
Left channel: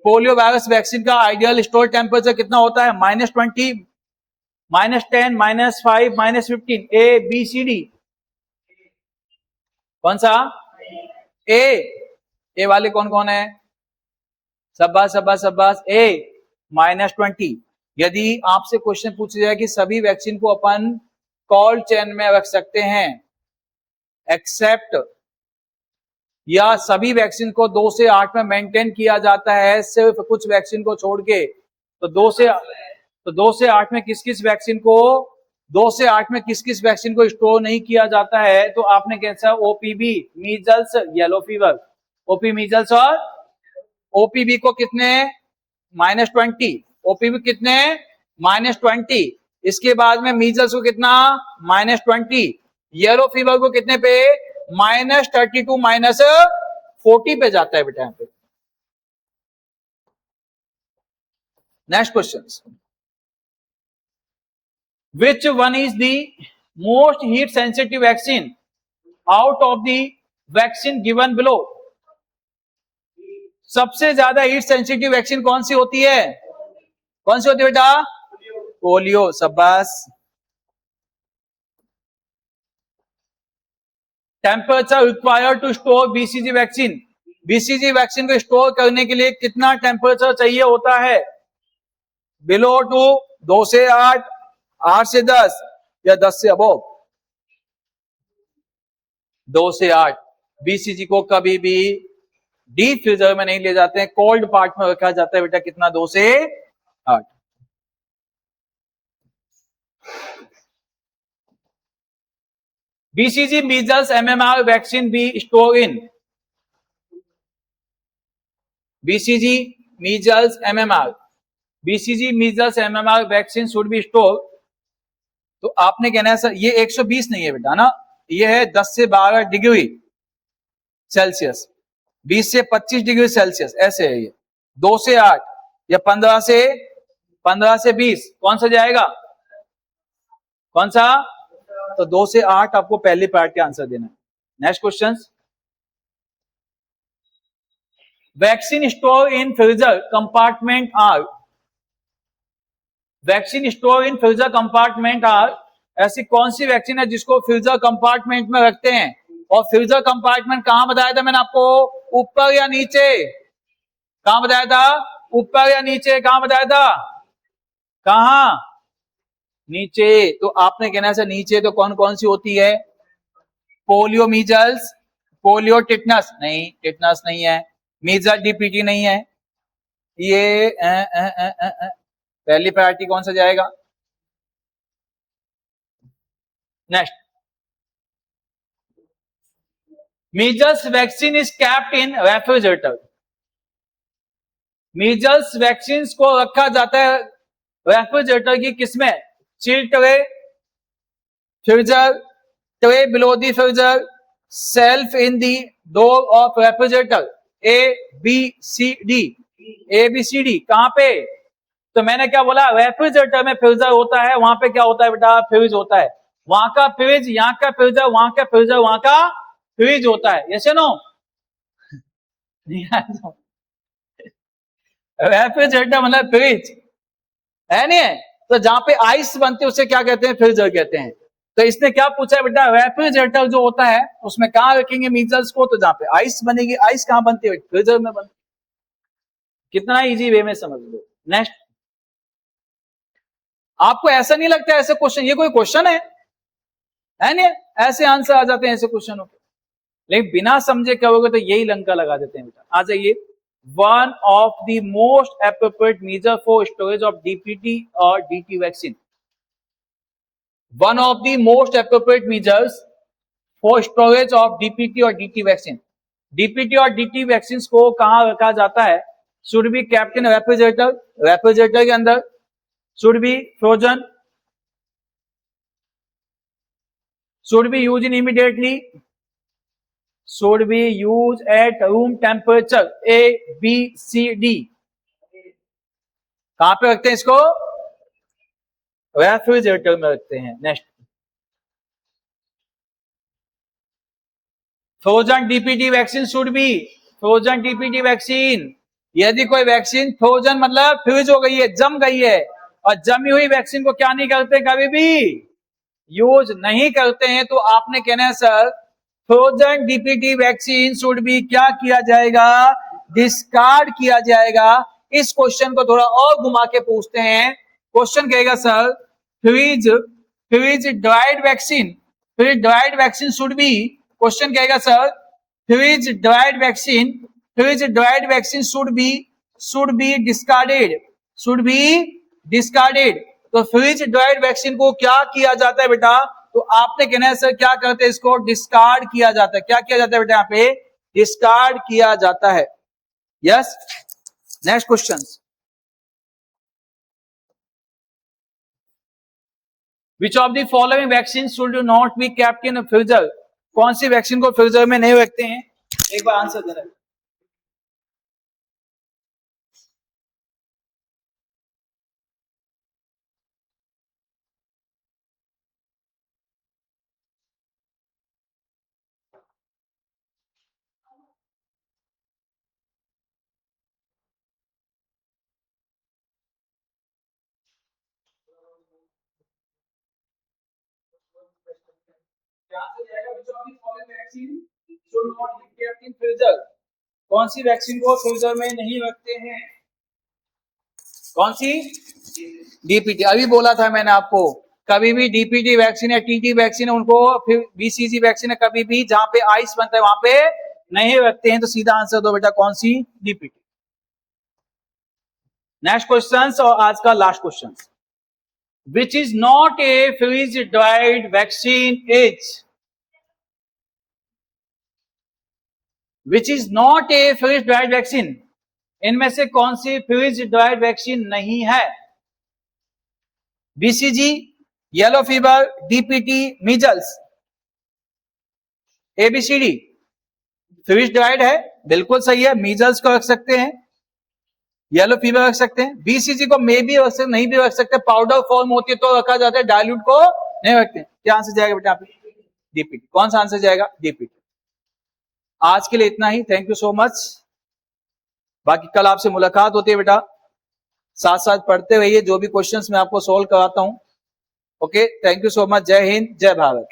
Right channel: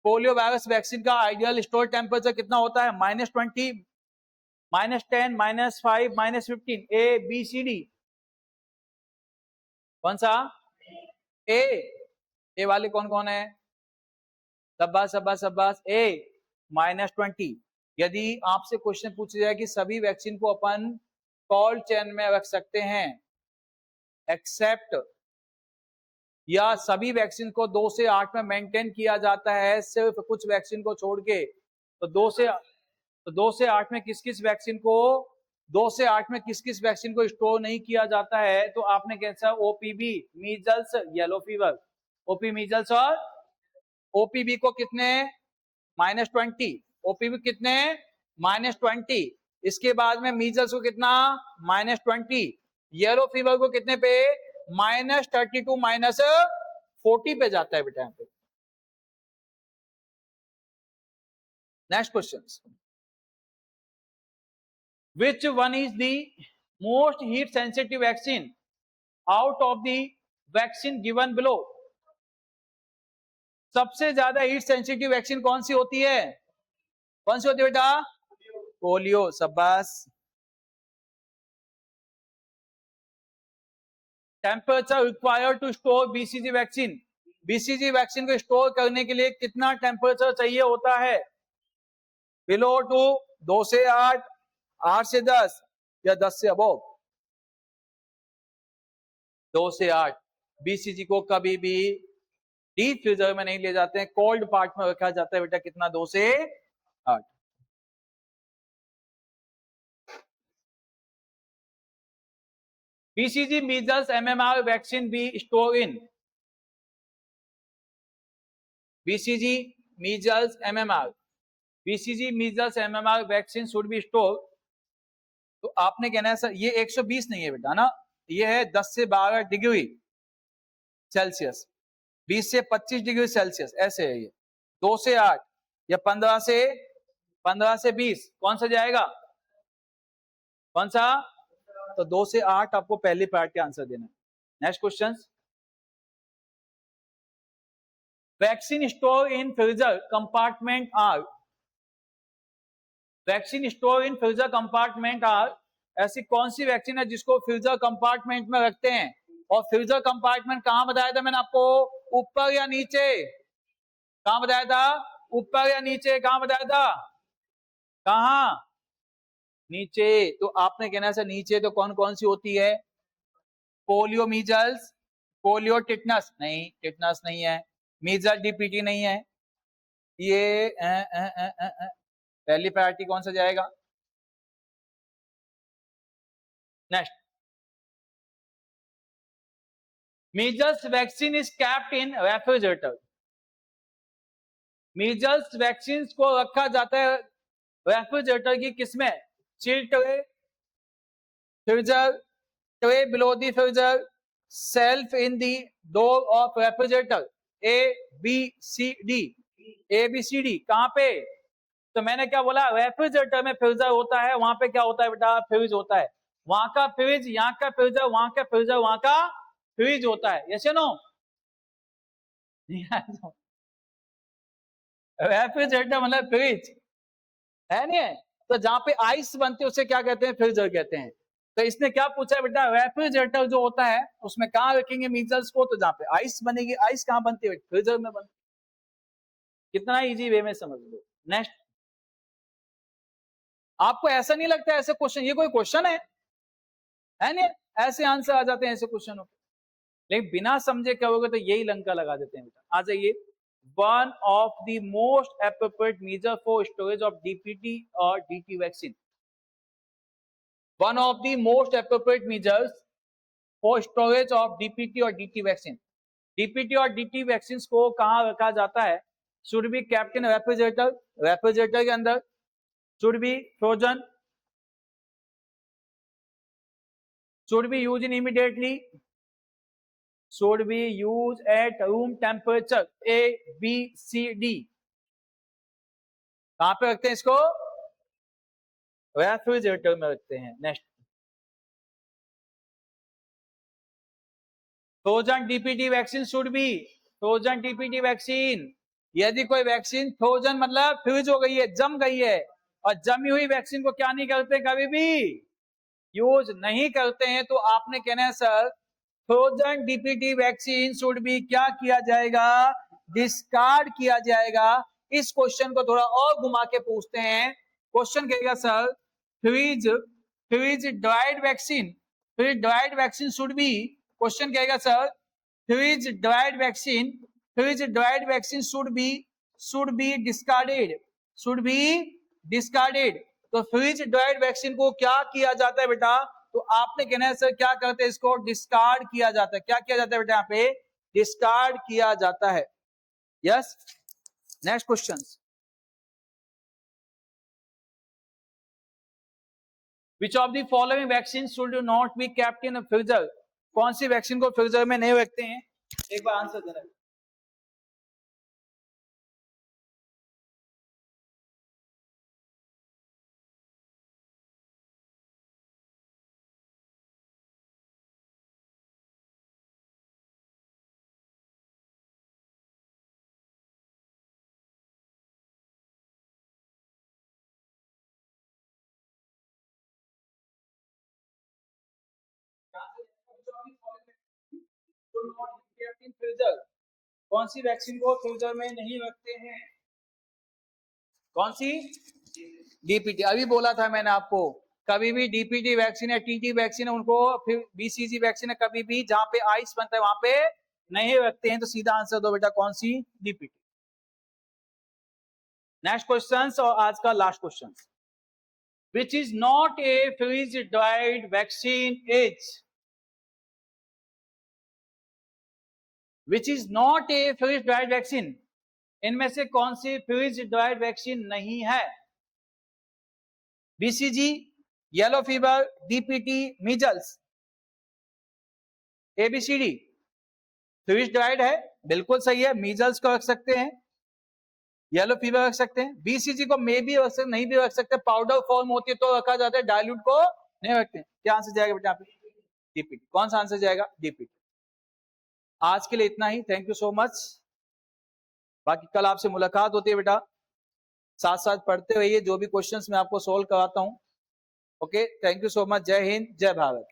Polio virus vaccine का आइडियल स्टोर टेम्परेचर कितना होता है? -20, -10, -5, -15। A B C D. कौन सा? ए वाले कौन कौन है? शाबाश शाबाश शाबाश। ए -20। यदि आपसे क्वेश्चन पूछा जाए कि सभी वैक्सीन को अपन कोल्ड चेन में रख सकते हैं एक्सेप्ट, या सभी वैक्सीन को 2 से 8 में मेंटेन किया जाता है सिर्फ कुछ वैक्सीन को छोड़ के, तो 2 से 8 में किस किस वैक्सीन को 2 से 8 में किस किस वैक्सीन को स्टोर नहीं किया जाता है? तो आपने कैसा? OPB, measles, yellow fever. OP measles और ओपीबी को कितने? -20। ओपीबी कितने? -20। इसके बाद में मीजल्स को कितना? -20। येलो फीवर को कितने पे? -32, -40 पे जाता है बेटा यहाँ पे। Next question, which one is the most heat sensitive vaccine out of the vaccine given below? सबसे ज्यादा हीट सेंसिटिव वैक्सीन कौन सी होती है? कौन सी होती है बेटा? पोलियो। शाबाश। Temperature required to store BCG vaccine. BCG vaccine को स्टोर करने के लिए कितना टेम्परेचर चाहिए होता है? बिलो टू 2 से 8, 8 से 10, या 10 से अबव? 2 से 8। बीसीजी को कभी भी डीप फ्रीजर में नहीं ले जाते हैं, कोल्ड पार्ट में रखा जाता है बेटा। कितना? 2 से 8। BCG measles MMR vaccine B store in? BCG measles MMR, BCG measles MMR vaccine should B store. तो आपने कहना है सर ये 120 नहीं है बेटा ना, ये है 10 से 12 डिग्री सेल्सियस, 20 से 25 डिग्री सेल्सियस, ऐसे है ये। 2 से 8 या 15 से 20, कौन सा जाएगा? कौन सा? तो 2 से 8 आपको पहले पार्ट का आंसर देना है। Next question, vaccine store in freezer compartment are, vaccine store in freezer compartment are, ऐसी कौन सी वैक्सीन है जिसको फ्रीजर कंपार्टमेंट में रखते हैं? और फ्रीजर कंपार्टमेंट कहां बताया था मैंने आपको, ऊपर या नीचे? कहां बताया था, ऊपर या नीचे? कहां बताया था, कहां? नीचे। तो आपने कहना है नीचे तो कौन कौन सी होती है? पोलियो मीजल्स, पोलियो टिटनस नहीं, टिटनस नहीं है, मीजल डीपीटी नहीं है, ये पहली प्रायोरिटी कौन सा जाएगा? Next, measles vaccine is kept in refrigerator, measles vaccine को रखा जाता है रेफ्रिजरेटर की किसमें? Chill tray, freezer, tray below the freezer, shelf in the door of refrigerator, A B C D, A B C D. कहां पे? तो मैंने क्या बोला, रेफ्रिजरेटर में फ्रीजर होता है, वहां पे क्या होता है बेटा, फ्रिज होता है, वहां का फ्रिज, यहाँ का फ्रीजर, वहां का फ्रीजर, वहां का फ्रिज होता है। यस या नो? रेफ्रिजरेटर मतलब फ्रिज है, नहीं है? तो जहां पे आइस बनती है उसे क्या कहते हैं? फ्रीजर कहते हैं। तो इसने क्या पूछा है बेटा, रेफ्रिजरेटर जो होता है उसमें कहां रखेंगे मीजल्स को? तो जहां पे आइस बनेगी, आइस कहां बनती है? फ्रीजर में बनती है। कितना इजी वे में समझ लो। नेक्स्ट, आपको ऐसा नहीं लगता ऐसे क्वेश्चन, ये कोई क्वेश्चन है नहीं? ऐसे आंसर आ जाते हैं ऐसे क्वेश्चनों के, लेकिन बिना समझे क्या होगा तो यही लंका लगा देते हैं बेटा। आ जाइए, one of the most appropriate measure for storage of DPT और DT vaccine, one of the most appropriate measures for storage of DPT और डीटी वैक्सीन, डीपीटी और डीटी वैक्सीन को कहां रखा जाता है? Should be kept in refrigerator, refrigerator के अंदर, should be frozen, should be used in immediately, should be used at room temperature, A B C D। कहां पे रखते हैं इसको? रेफ्रिजरेटर में रखते हैं। Next, frozen DPT vaccine should be, frozen DPT vaccine, यदि कोई वैक्सीन फ्रोजन मतलब फ्रीज हो गई है, जम गई है, और जमी हुई वैक्सीन को क्या नहीं करते, कभी भी यूज नहीं करते हैं, तो आपने कहना है sir frozen DPT vaccine should B क्या किया जाएगा? डिस्कार्ड किया जाएगा। इस क्वेश्चन को थोड़ा और घुमा के पूछते हैं। क्वेश्चन कहेगा sir freeze, freeze dried vaccine, freeze dried vaccine should be, question कहेगा sir freeze dried vaccine, freeze dried vaccine should be discarded, should be discarded. तो फ्रीज ड्राइड वैक्सीन को क्या किया जाता है बेटा? तो आपने कहना है सर क्या करते हैं इसको? डिस्कार्ड किया जाता है। क्या किया जाता है बेटा? यहाँ पे डिस्कार्ड किया जाता है। Yes, next question, which of the following vaccine should not B kept in freezer, कौन सी वैक्सीन को फ्रीजर में नहीं रखते हैं? एक बार आंसर दे रहे हैं। कौन सी वैक्सीन को फ्रीजर में नहीं रखते हैं? कौन सी? डीपीटी। अभी बोला था मैंने आपको, कभी भी डीपीटी वैक्सीन या टीटी वैक्सीन है उनको, फिर बीसीजी वैक्सीन है, कभी भी जहां पे आइस बनता है वहां पे नहीं रखते हैं। तो सीधा आंसर दो बेटा, कौन सी? डीपीटी। नेक्स्ट क्वेश्चन और आज का last question, which is not a freeze dried vaccine is, which is not a freeze dried vaccine, इनमें से कौन सी फ्रीज ड्राइड वैक्सीन नहीं है? BCG, yellow fever, DPT, measles, A B C D. Freeze dried है, बिल्कुल सही है, मीजल्स को रख सकते हैं, येलो फीवर रख सकते हैं, बीसीजी को मे भी रख सकते, नहीं भी रख सकते, पाउडर फॉर्म होती है तो रखा जाता है, डायल्यूट को नहीं रखते। क्या आंसर जाएगा बेटा? डीपीटी। कौन सा आंसर जाएगा? डीपीटी। आज के लिए इतना ही, थैंक यू सो मच। बाकी कल आपसे मुलाकात होती है बेटा, साथ साथ पढ़ते रहिए, जो भी क्वेश्चंस मैं आपको सोल्व कराता हूं। Okay, thank you so much. जय हिंद, जय भारत।